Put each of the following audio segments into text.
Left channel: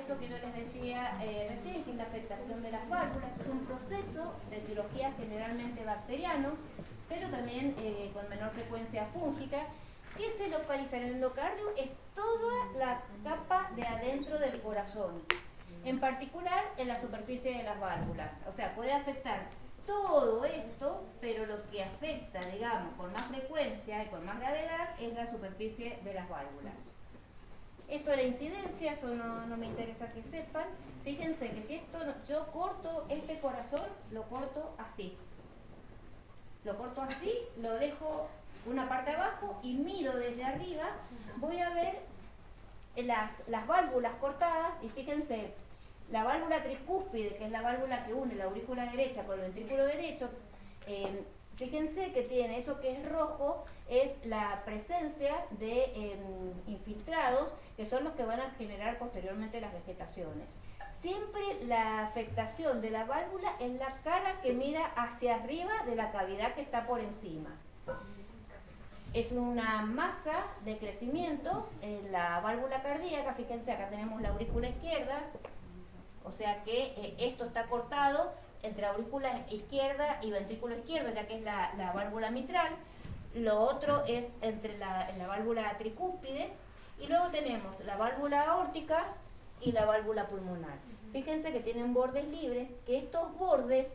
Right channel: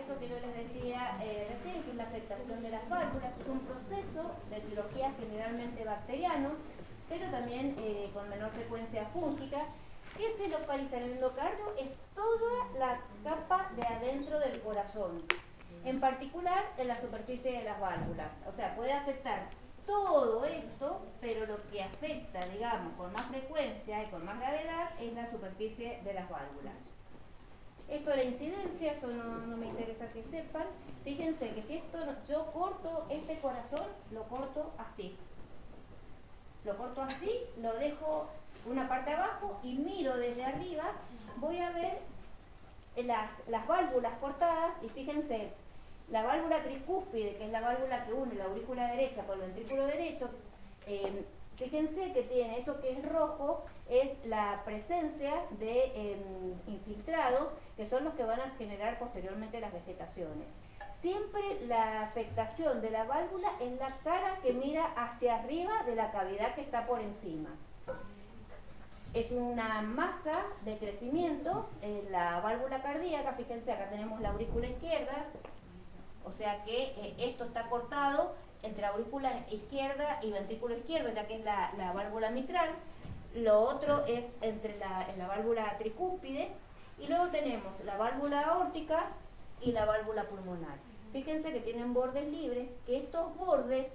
Eso que yo les decía recién, que es la afectación de las válvulas, es un proceso de etiología generalmente bacteriano, pero también con menor frecuencia fúngica, que se localiza en el endocardio, es toda la capa de adentro del corazón, en particular en la superficie de las válvulas. O sea, puede afectar todo esto, pero lo que afecta, digamos, con más frecuencia y con más gravedad es la superficie de las válvulas. Esto de la incidencia, eso no me interesa que sepan. Fíjense que si esto yo corto este corazón, lo corto así. Lo corto así, lo dejo una parte abajo y miro desde arriba, voy a ver las válvulas cortadas y fíjense, la válvula tricúspide, que es la válvula que une la aurícula derecha con el ventrículo derecho, fíjense que tiene eso que es rojo, es la presencia de infiltrados, que son los que van a generar posteriormente las vegetaciones. Siempre la afectación de la válvula es la cara que mira hacia arriba de la cavidad que está por encima. Es una masa de crecimiento en la válvula cardíaca. Fíjense, acá tenemos la aurícula izquierda, o sea que esto está cortado entre aurícula izquierda y ventrículo izquierdo, ya que es la válvula mitral. Lo otro es entre la válvula tricúspide, y luego tenemos la válvula aórtica y la válvula pulmonar. Fíjense que tienen bordes libres, que estos bordes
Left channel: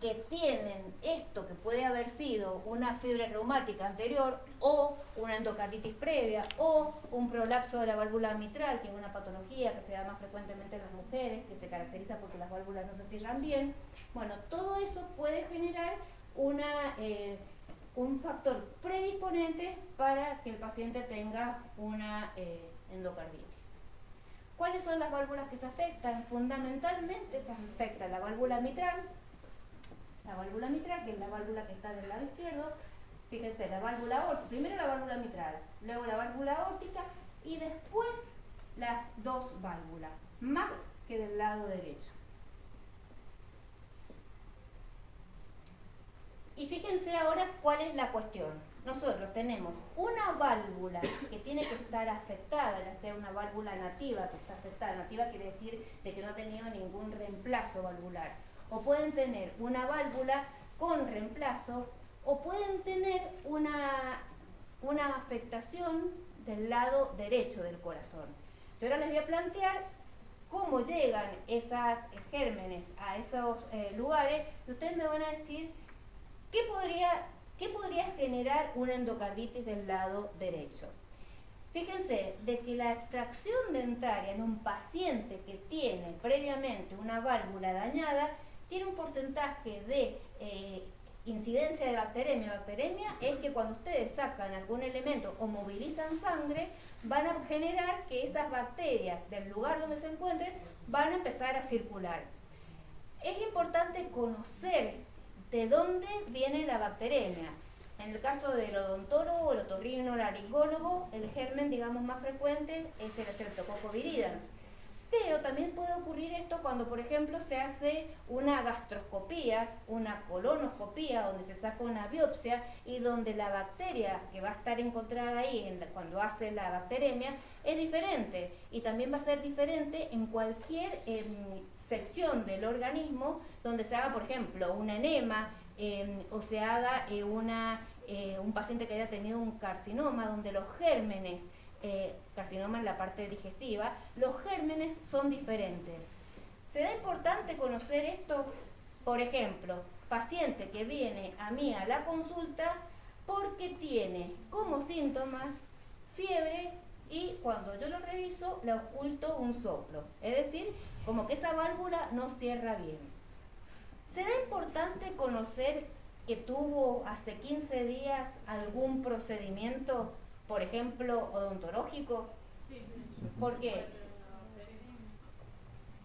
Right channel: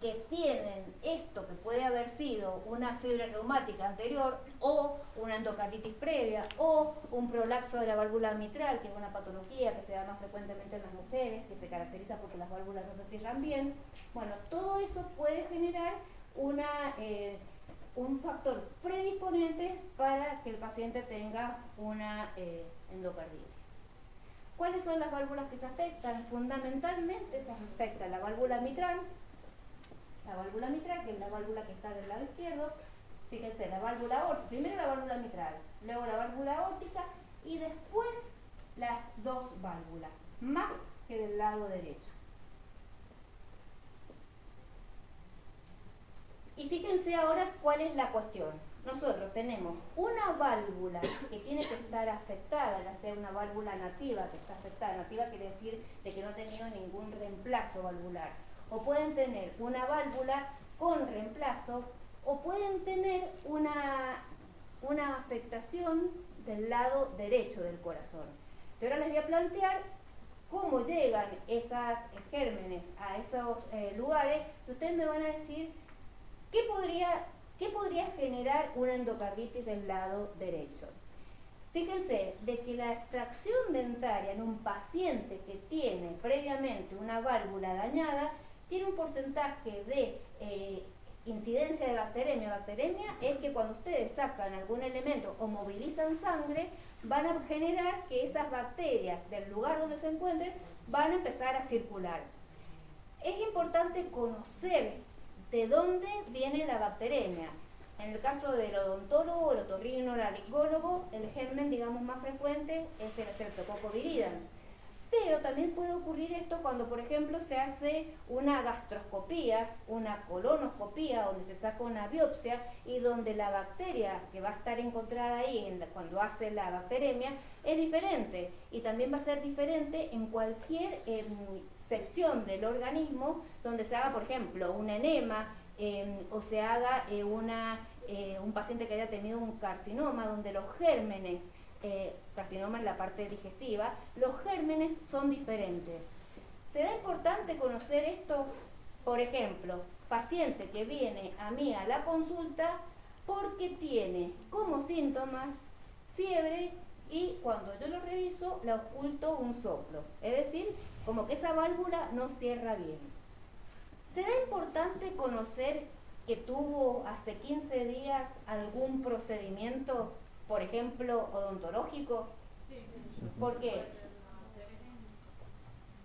que tienen esto que puede haber sido una fiebre reumática anterior o una endocarditis previa o un prolapso de la válvula mitral, que es una patología que se da más frecuentemente en las mujeres, que se caracteriza porque las válvulas no se cierran bien. Bueno, todo eso puede generar un factor predisponente para que el paciente tenga una endocarditis. ¿Cuáles son las válvulas que se afectan? Fundamentalmente se afecta la válvula mitral, que es la válvula que está del lado izquierdo. Fíjense, la válvula aórtica, primero la válvula mitral, luego la válvula aórtica y después las dos válvulas, más que del lado derecho. Y fíjense ahora cuál es la cuestión. Nosotros tenemos una válvula que tiene que estar afectada, ya sea una válvula nativa que está afectada. Nativa quiere decir de que no ha tenido ningún reemplazo valvular. O pueden tener una válvula con reemplazo, o pueden tener una afectación del lado derecho del corazón. Yo ahora les voy a plantear cómo llegan esas gérmenes a esos lugares, y ustedes me van a decir ¿qué podría generar una endocarditis del lado derecho? Fíjense de que la extracción dentaria en un paciente que tiene previamente una válvula dañada tiene un porcentaje de incidencia de bacteremia. Bacteremia es que cuando ustedes sacan algún elemento o movilizan sangre, van a generar que esas bacterias del lugar donde se encuentren van a empezar a circular. Es importante conocer de dónde viene la bacteremia. En el caso del odontólogo, el otorrinolaringólogo, el germen, digamos, más frecuente es el Streptococcus viridans. Pero también puede ocurrir esto cuando, por ejemplo, se hace una gastroscopía, una colonoscopía, donde se saca una biopsia y donde la bacteria que va a estar encontrada ahí cuando hace la bacteremia es diferente. Y también va a ser diferente en cualquier sección del organismo donde se haga, por ejemplo, un enema o se haga un paciente que haya tenido un carcinoma, donde los gérmenes, carcinoma en la parte digestiva, los gérmenes son diferentes. ¿Será importante conocer esto? Por ejemplo, paciente que viene a mí a la consulta porque tiene como síntomas fiebre y cuando yo lo reviso le oculto un soplo, es decir, como que esa válvula no cierra bien. ¿Será importante conocer que tuvo hace 15 días algún procedimiento, por ejemplo, odontológico? Sí. ¿Por qué?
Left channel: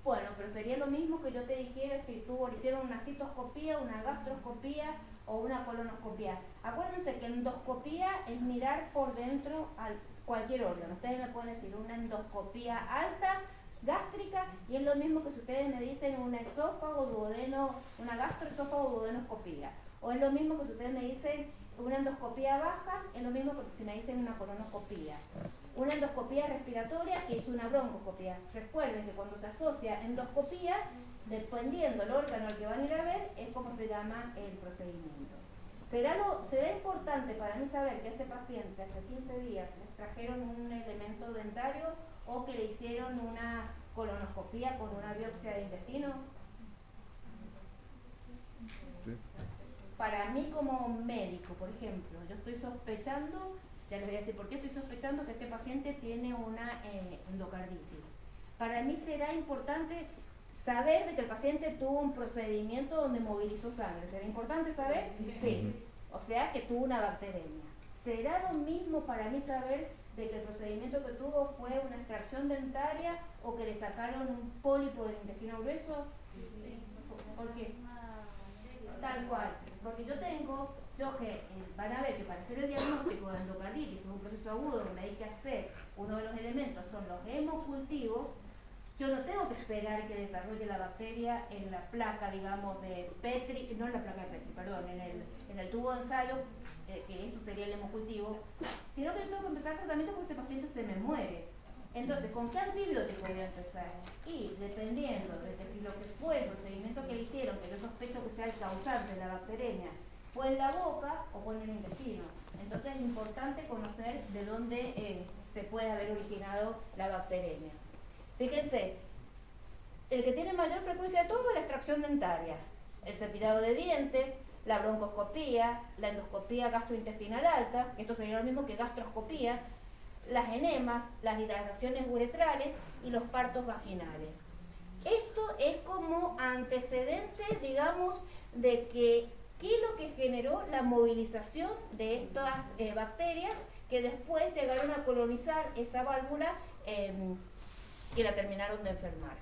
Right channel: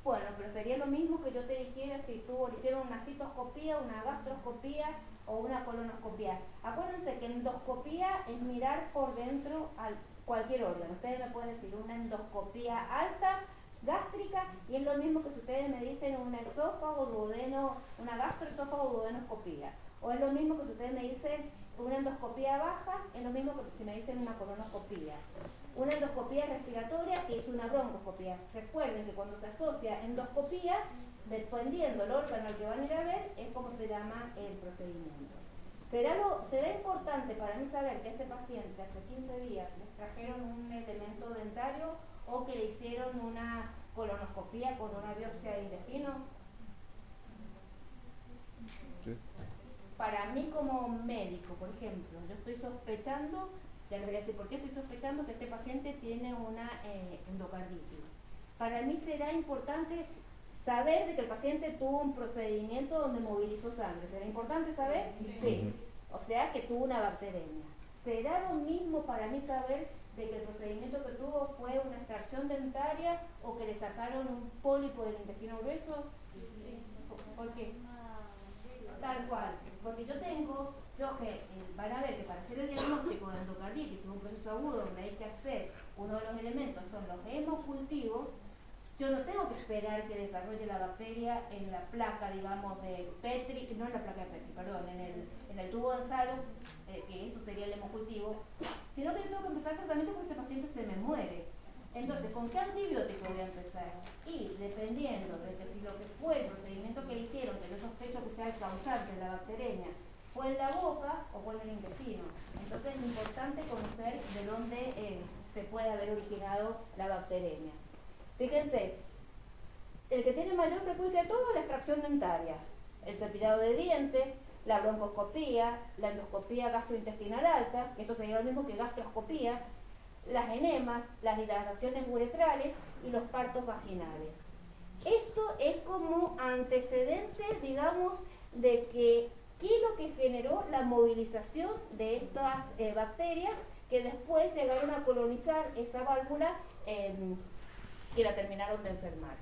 Bueno, pero sería lo mismo que yo te dijera si hicieron una citoscopía, una gastroscopía o una colonoscopía. Acuérdense que endoscopía es mirar por dentro a cualquier órgano. Ustedes me pueden decir una endoscopía alta, gástrica, y es lo mismo que si ustedes me dicen una esófago, duodeno, una gastroesófago, duodenoscopía. O es lo mismo que si ustedes me dicen una endoscopía baja, es lo mismo que si me dicen una colonoscopía. una endoscopía respiratoria que es una broncoscopía. Recuerden que cuando se asocia endoscopía, dependiendo del órgano al que van a ir a ver, es como se llama el procedimiento. Será importante para mí saber que ese paciente hace 15 días le trajeron un elemento dentario o que le hicieron una colonoscopía con una biopsia de intestino. Sí. Para mí como médico, por ejemplo, yo estoy sospechando, ya les voy a decir por qué estoy sospechando que este paciente tiene una endocarditis. Para mí será importante saber de que el paciente tuvo un procedimiento donde movilizó sangre. ¿Será importante saber? Sí. O sea que tuvo una bacteremia. ¿Será lo mismo para mí saber de que el procedimiento que tuvo fue una extracción dentaria o que le sacaron un pólipo del intestino grueso? Sí. ¿Por qué? Tal cual. Porque van a ver que para hacer el diagnóstico de endocarditis, que es un proceso agudo donde hay que hacer, uno de los elementos son los hemocultivos. Yo no tengo que esperar que desarrolle la bacteria en la placa, digamos, de Petri, no en la placa de Petri, perdón, en el tubo de ensayo, que eso sería el hemocultivo, sino que tengo que empezar tratamiento porque ese paciente se me muere. Entonces, ¿con qué antibiótico voy a empezar? Y dependiendo de que si lo que fue el procedimiento que le hicieron, que yo sospecho que sea el causante de la bacteremia, fue en la boca o fue en el intestino. Entonces es importante conocer de dónde se puede haber originado la bacteremia. Fíjense, el que tiene mayor frecuencia de todo es la extracción dentaria, el cepillado de dientes, la broncoscopía, la endoscopía gastrointestinal alta, que esto sería lo mismo que gastroscopía, las enemas, las dilataciones uretrales y los partos vaginales. Esto es como antecedente, digamos, de qué es lo que generó la movilización de estas bacterias que después llegaron a colonizar esa válvula que la terminaron de enfermar.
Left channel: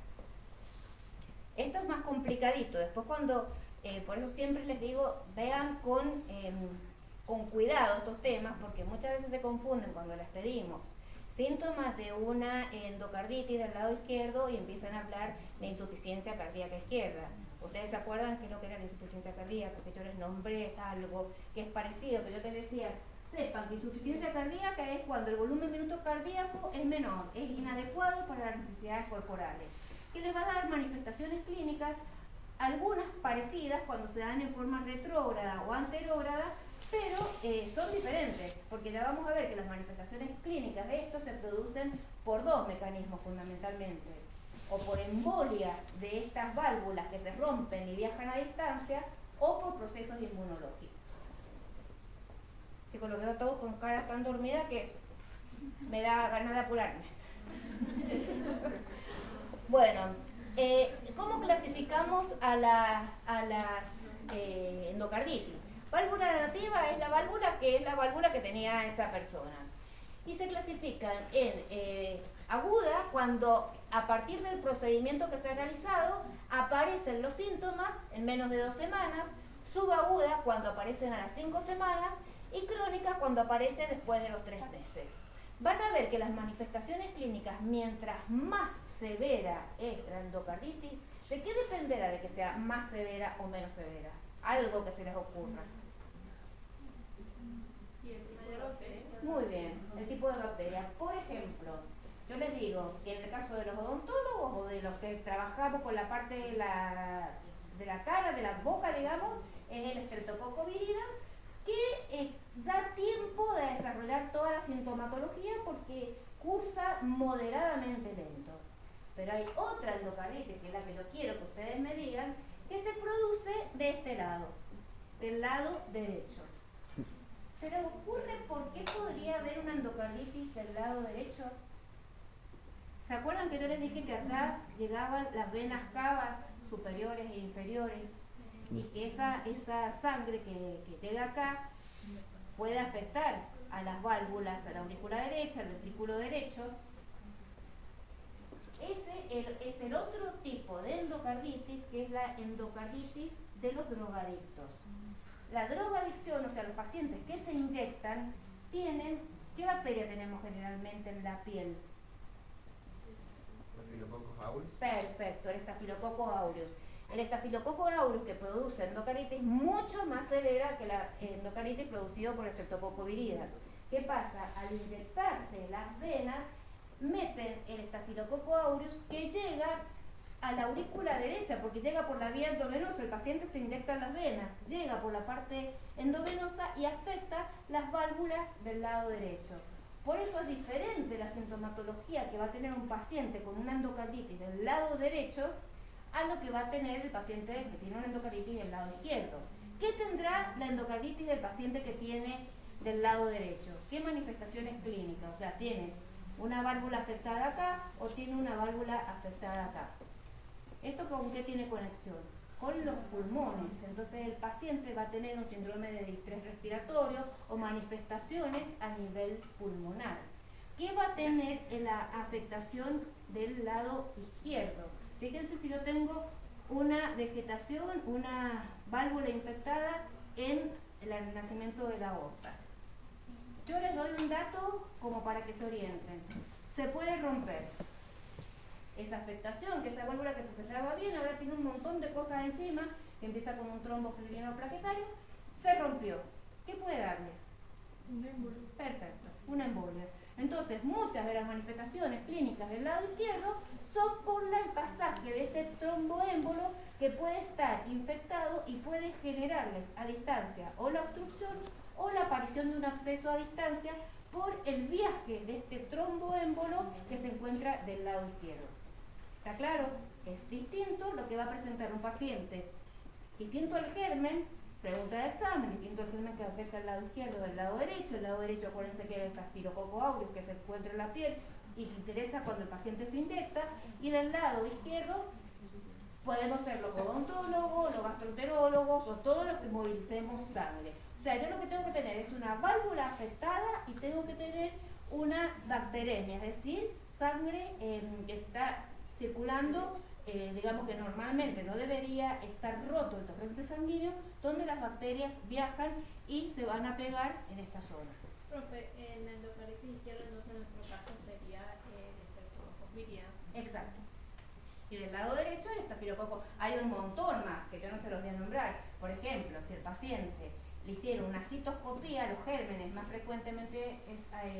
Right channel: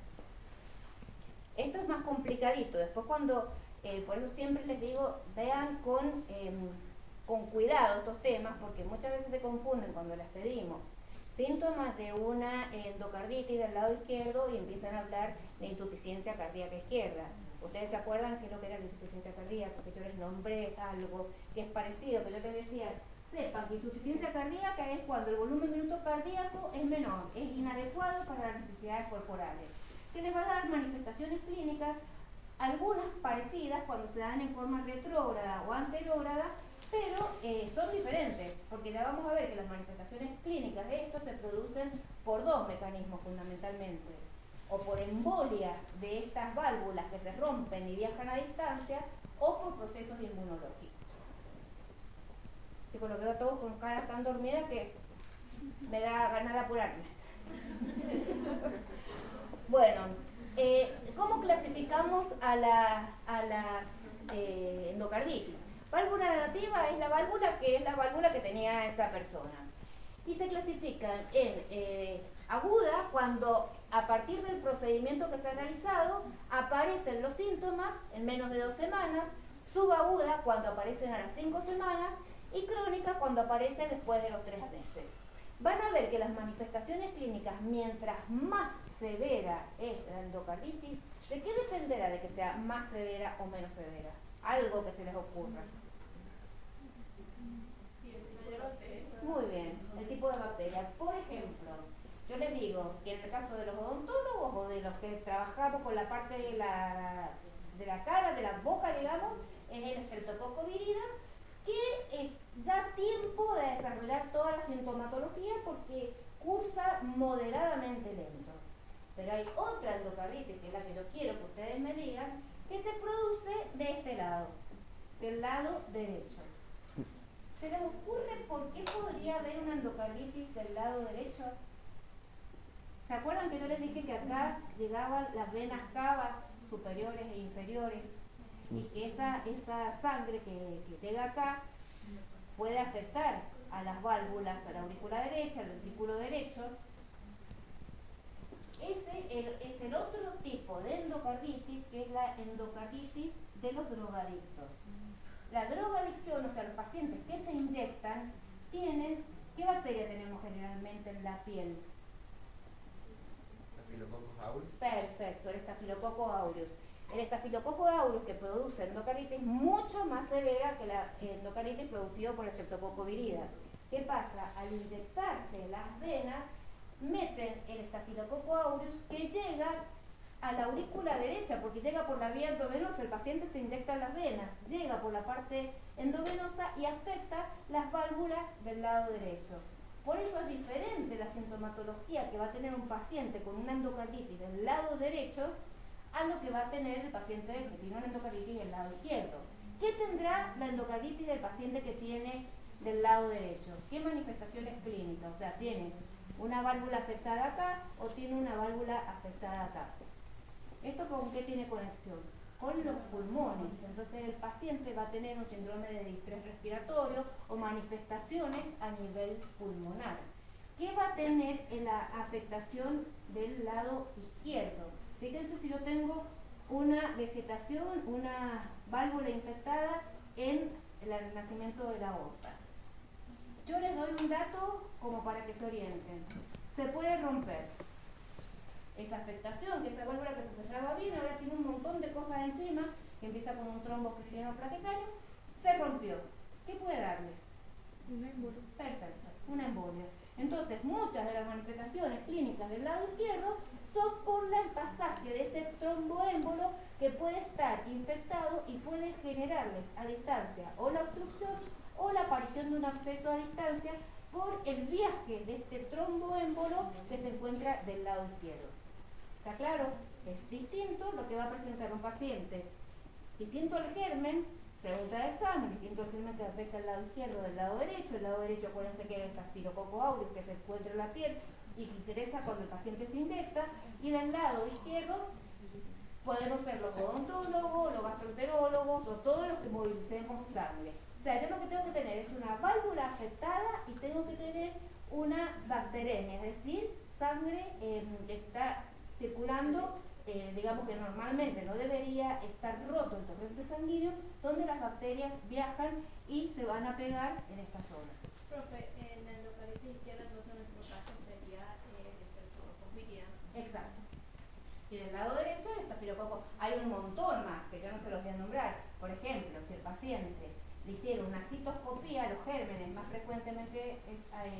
Esto es más complicadito. Después por eso siempre les digo, vean con cuidado estos temas, porque muchas veces se confunden cuando les pedimos síntomas de una endocarditis del lado izquierdo y empiezan a hablar de insuficiencia cardíaca izquierda. ¿Ustedes se acuerdan qué es lo que era la insuficiencia cardíaca? Porque yo les nombré algo que es parecido, que yo les decía, sepan que insuficiencia cardíaca es cuando el volumen minuto cardíaco es menor, es inadecuado para las necesidades corporales, que les va a dar manifestaciones clínicas, algunas parecidas cuando se dan en forma retrógrada o anterógrada, pero son diferentes, porque ya vamos a ver que las manifestaciones clínicas de esto se producen por dos mecanismos fundamentalmente, o por embolia de estas válvulas que se rompen y viajan a distancia, o por procesos inmunológicos. Chicos, los veo a todos con cara tan dormida que me da ganas de apurarme. Bueno, ¿cómo clasificamos a las endocarditis? Válvula nativa es la válvula que tenía esa persona. Y se clasifican en aguda cuando a partir del procedimiento que se ha realizado aparecen los síntomas en menos de 2 semanas, subaguda cuando aparecen a las 5 semanas y crónica cuando aparece después de los 3 meses. Van a ver que las manifestaciones clínicas, mientras más severa es la endocarditis, ¿de qué dependerá de que sea más severa o menos severa? Algo que se les ocurra. Muy bien, el tipo de bacteria. Por ejemplo, yo les digo que en el caso de los odontólogos o de los que trabajamos con la parte de la cara, de la boca, digamos, es el Streptococcus viridans, que da tiempo de desarrollar toda la sintomatología porque cursa moderadamente lento. Pero hay otra endocarditis, que es la que yo quiero que ustedes me digan, que se produce de este lado, del lado derecho. ¿Se les ocurre por qué podría haber una endocarditis del lado derecho? ¿Se acuerdan que yo les dije que acá llegaban las venas cavas superiores e inferiores? Y que esa sangre que llega acá puede afectar a las válvulas, a la aurícula derecha, al ventrículo derecho. Ese es el otro tipo de endocarditis, que es la endocarditis de los drogadictos. La drogadicción, o sea, los pacientes que se inyectan, ¿qué bacteria tenemos generalmente en la piel? Staphylococcus aureus. Perfecto, el Staphylococcus aureus. El Staphylococcus aureus que produce endocarditis mucho más severa que la endocarditis producida por el Streptococcus viridans. ¿Qué pasa? Al inyectarse las venas, meten el Staphylococcus aureus que llega a la aurícula derecha, porque llega por la vía endovenosa, el paciente se inyecta en las venas, llega por la parte endovenosa y afecta las válvulas del lado derecho. Por eso es diferente la sintomatología que va a tener un paciente con una endocarditis del lado derecho a lo que va a tener el paciente que tiene una endocarditis del lado izquierdo. ¿Qué tendrá la endocarditis del paciente que tiene del lado derecho? ¿Qué manifestaciones clínicas? O sea, ¿tiene una válvula afectada acá o tiene una válvula afectada acá? ¿Esto con qué tiene conexión? Con los pulmones. Entonces el paciente va a tener un síndrome de distrés respiratorio o manifestaciones a nivel pulmonar. ¿Qué va a tener en la afectación del lado izquierdo? Fíjense si yo tengo una vegetación, una válvula infectada en el nacimiento de la aorta. Yo les doy un dato como para que se orienten. Se puede romper esa afectación, que esa válvula que se cerraba bien, ahora tiene un montón de cosas encima, que empieza con un trombo fibrino plaquetario, se rompió. ¿Qué puede darles? Un émbolo. Perfecto, una embolia. Entonces, muchas de las manifestaciones clínicas del lado izquierdo son por el pasaje de ese tromboémbolo que puede estar infectado y puede generarles a distancia o la obstrucción o la aparición de un absceso a distancia por el viaje de este tromboémbolo que se encuentra del lado izquierdo. ¿Está claro? Es distinto lo que va a presentar un paciente. Distinto al germen, pregunta de examen, distinto al germen que afecta al lado izquierdo del lado derecho. El lado derecho, acuérdense que es el Staphylococcus aureus que se encuentra en la piel y que interesa cuando el paciente se inyecta. Y del lado izquierdo podemos ser los odontólogos, los gastroenterólogos o todos los que movilicemos sangre. O sea, yo lo que tengo que tener es una válvula afectada y tengo que tener una bacteremia, es decir, sangre que está circulando, digamos que normalmente no debería estar roto el torrente sanguíneo, donde las bacterias viajan y se van a pegar en esta zona. Profe, en la endocarditis izquierda entonces en nuestro caso sería el Staphylococcus viridans. Exacto. Y del lado derecho el Staphylococcus. Hay un montón más que yo no se los voy a nombrar. Por ejemplo, si el paciente le hicieron una citoscopía, los gérmenes más frecuentemente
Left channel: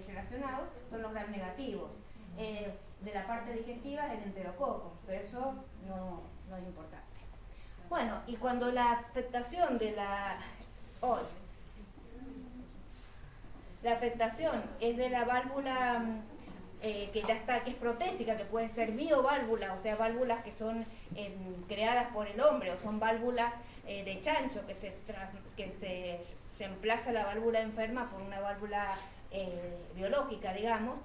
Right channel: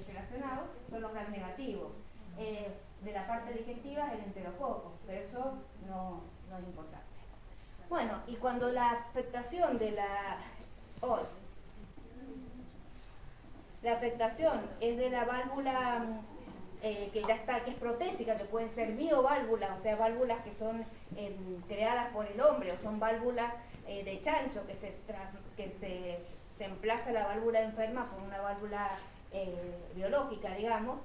relacionados son los gram negativos. De la parte digestiva el enterococo, pero eso no es importante. Bueno, y cuando la afectación de la afectación es de la válvula que ya está, que es protésica, que pueden ser bioválvulas, o sea, válvulas que son creadas por el hombre, o son válvulas de chancho, que se reemplaza la válvula enferma por una válvula biológica, digamos,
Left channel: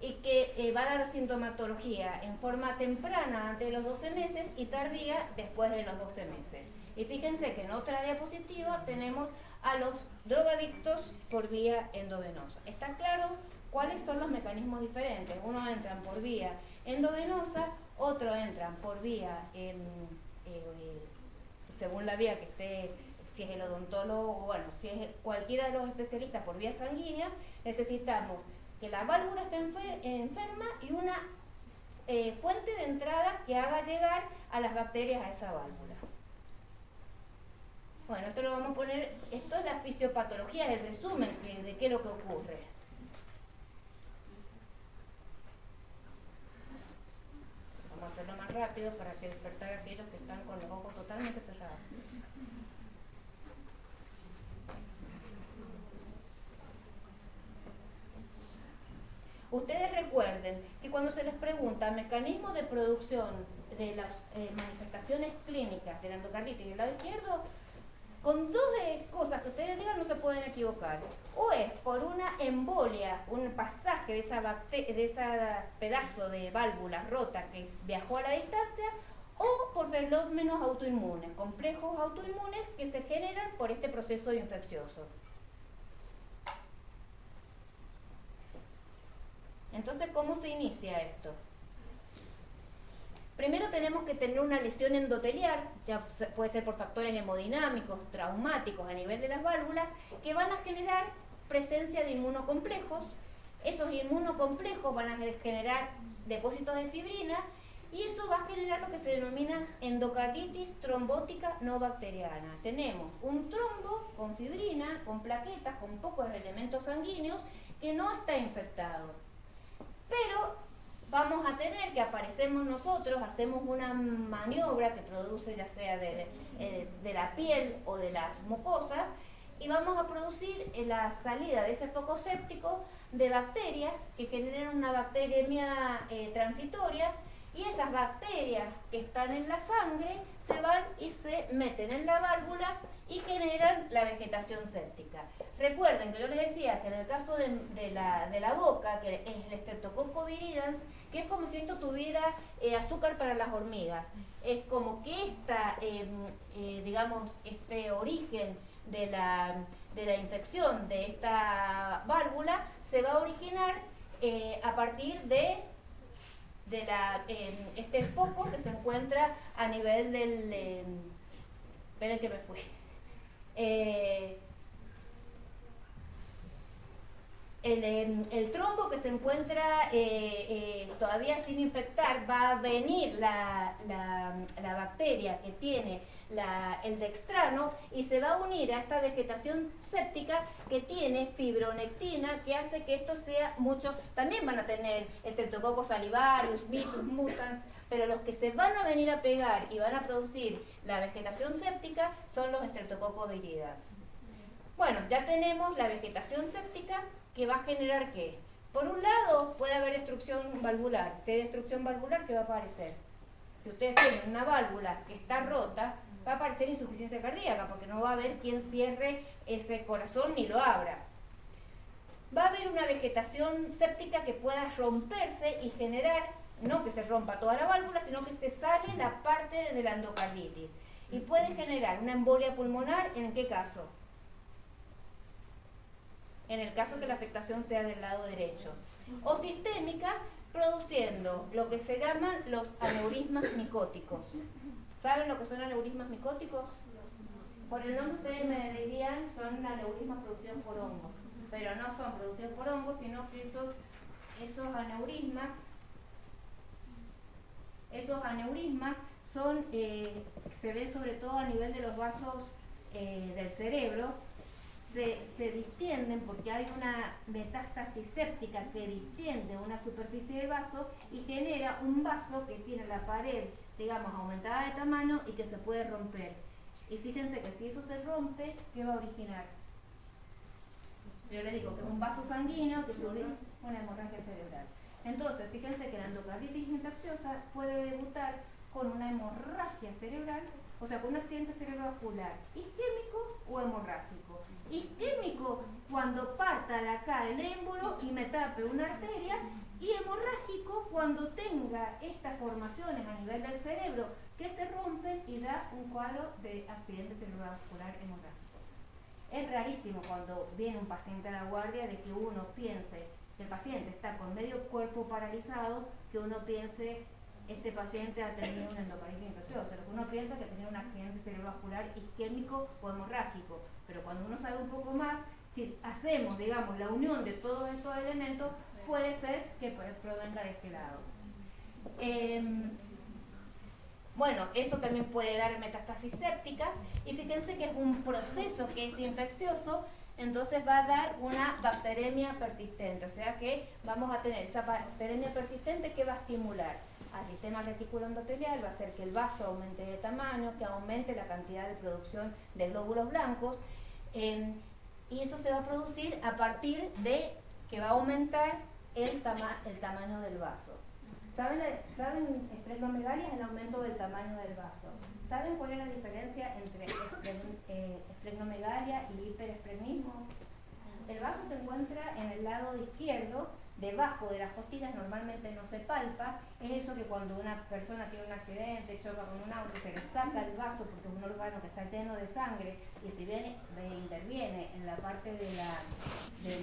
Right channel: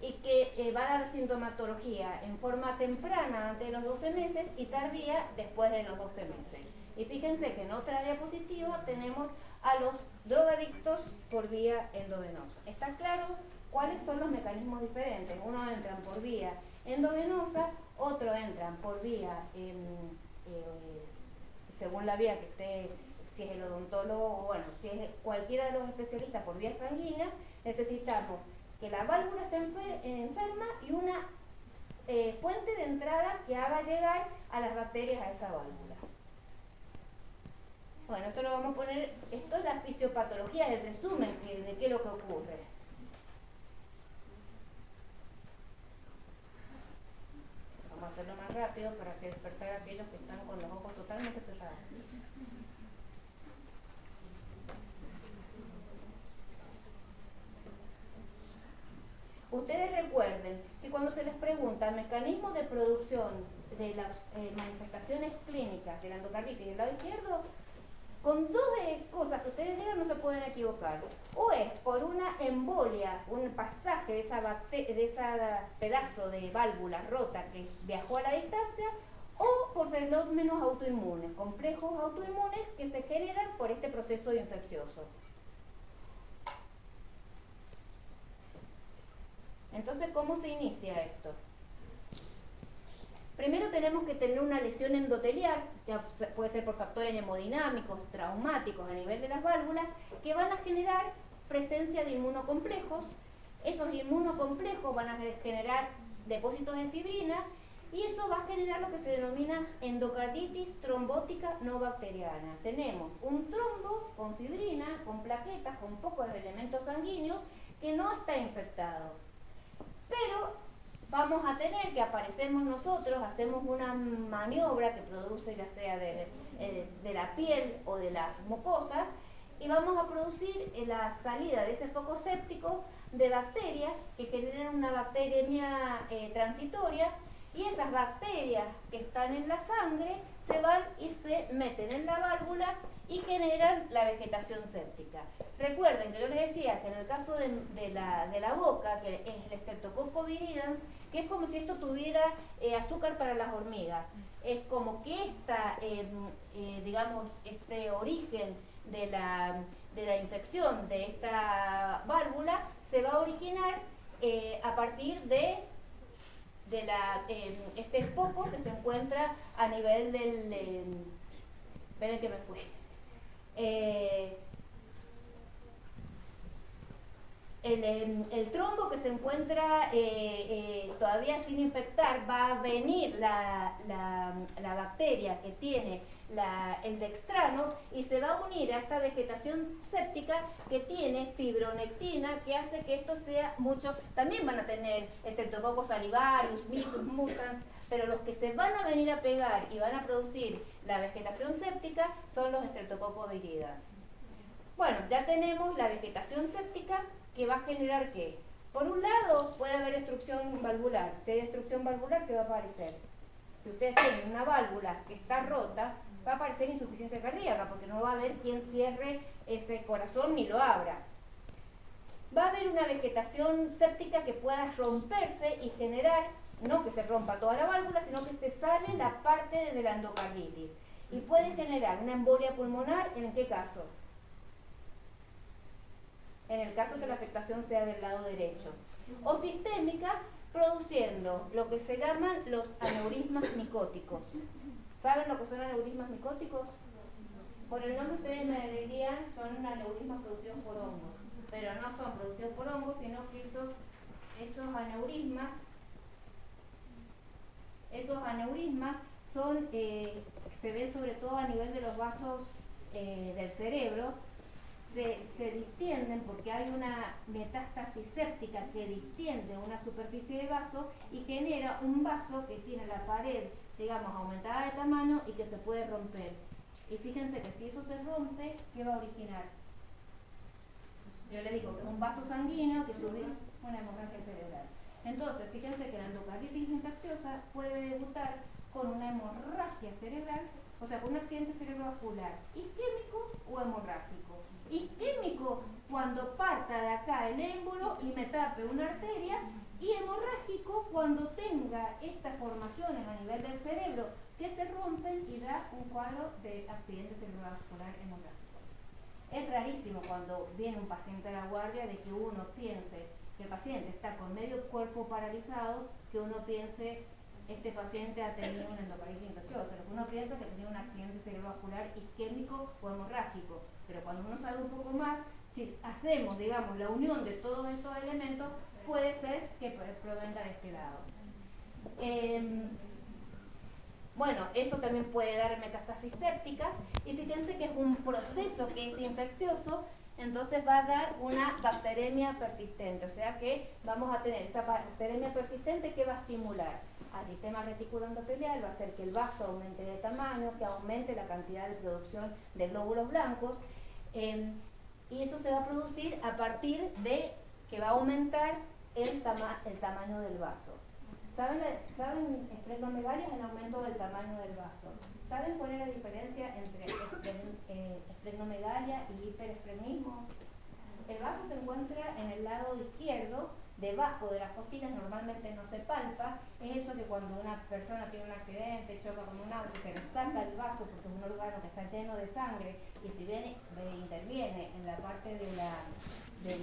y que va a dar sintomatología en forma temprana antes de los 12 meses y tardía después de los 12 meses. Y fíjense que en otra diapositiva tenemos a los drogadictos por vía endovenosa. ¿Está claro cuáles son los mecanismos diferentes? Uno entran por vía endovenosa, otro entran por vía, según la vía que esté, si es el odontólogo, bueno, si es cualquiera de los especialistas por vía sanguínea. Necesitamos que la válvula esté enferma y una fuente de entrada que haga llegar a las bacterias a esa válvula. Bueno, esto lo vamos a poner, esto es la fisiopatología, el resumen de qué es lo que ocurre. Vamos a hacerlo más rápido para que despertar a aquellos que están con los ojos totalmente cerrados. Ustedes recuerden que cuando se les pregunta el mecanismo de producción de las manifestaciones clínicas de la endocarditis del lado izquierdo, con dos cosas que ustedes digan no se pueden equivocar. O es por una embolia, un pasaje de ese pedazo de válvula rota que viajó a la distancia, o por fenómenos autoinmunes, complejos autoinmunes que se generan por este proceso infeccioso. Entonces, ¿cómo se inicia esto? Primero tenemos que tener una lesión endotelial, ya puede ser por factores hemodinámicos, traumáticos a nivel de las válvulas, que van a generar presencia de inmunocomplejos. Esos inmunocomplejos van a generar depósitos de fibrina y eso va a generar lo que se denomina endocarditis trombótica no bacteriana. Tenemos un trombo con fibrina, con plaquetas, con pocos elementos sanguíneos que no está infectado. Pero vamos a tener que aparecemos nosotros, hacemos una maniobra que produce ya sea de la piel o de las mucosas, y vamos a producir la salida de ese foco séptico de bacterias que generan una bacteremia transitoria, y esas bacterias que están en la sangre se van y se meten en la válvula y generan la vegetación séptica. Recuerden que yo les decía que en el caso de la boca, que es el Streptococcus viridans, que es como si esto tuviera azúcar para las hormigas, es como que digamos, este origen de la infección de esta válvula se va a originar a partir de este foco que se encuentra a nivel del... esperen que me fui. El trombo que se encuentra todavía sin infectar, va a venir la bacteria que tiene el dextrano y se va a unir a esta vegetación séptica que tiene fibronectina, que hace que esto sea mucho. También van a tener Streptococcus salivarius, Bacillus mutans, pero los que se van a venir a pegar y van a producir la vegetación séptica son los Streptococcus viridans. Bueno, ya tenemos la vegetación séptica que va a generar ¿qué? Por un lado puede haber destrucción valvular. Si hay destrucción valvular, ¿qué va a aparecer? Si ustedes tienen una válvula que está rota, va a aparecer insuficiencia cardíaca, porque no va a haber quien cierre ese corazón ni lo abra. Va a haber una vegetación séptica que pueda romperse y generar, no que se rompa toda la válvula, sino que se sale la parte de la endocarditis. Y puede generar una embolia pulmonar, ¿en qué caso? En el caso que la afectación sea del lado derecho. O sistémica, produciendo lo que se llaman los aneurismas micóticos. ¿Saben lo que son aneurismas micóticos? Por el nombre ustedes me dirían son aneurismas producidos por hongos, pero no son producidos por hongos, sino que esos aneurismas son, se ven sobre todo a nivel de los vasos del cerebro. Se distienden porque hay una metástasis séptica que distiende una superficie de vaso y genera un vaso que tiene la pared, digamos, aumentada de tamaño y que se puede romper. Y fíjense que si eso se rompe, ¿qué va a originar? Yo les digo que es un vaso sanguíneo que sube una hemorragia cerebral. Entonces, fíjense que la endocarditis infecciosa puede debutar con una hemorragia cerebral, o sea, con un accidente cerebrovascular isquémico o hemorrágico. Isquémico cuando parta de acá el émbolo y me tape una arteria, y hemorrágico cuando tenga estas formaciones a nivel del cerebro que se rompen y da un cuadro de accidente cerebrovascular hemorrágico. Es rarísimo cuando viene un paciente a la guardia de que uno piense que el paciente está con medio cuerpo paralizado, que uno piense este paciente ha tenido una endocarditis infecciosa, lo que uno piensa es que ha tenido un accidente cerebrovascular isquémico o hemorrágico, pero cuando uno sabe un poco más, si hacemos, digamos, la unión de todos estos elementos, puede ser que provenga de este lado. Bueno, eso también puede dar metástasis sépticas, y fíjense que es un proceso que es infeccioso, entonces va a dar una bacteremia persistente, o sea que vamos a tener esa bacteremia persistente que va a estimular al sistema reticular endotelial, va a hacer que el vaso aumente de tamaño, que aumente la cantidad de producción de glóbulos blancos, y eso se va a producir a partir de que va a aumentar el tamaño del vaso. ¿Saben esplenomegalia? Es el aumento del tamaño del vaso. ¿Saben cuál es la diferencia entre esplenomegalia y hiperesplenismo? El vaso se encuentra en el lado izquierdo, debajo de las costillas, normalmente no se palpa. Es eso que cuando una persona tiene un accidente, choca con un auto, se le saca el vaso porque es un órgano que está lleno de sangre, y si bien interviene en la parte de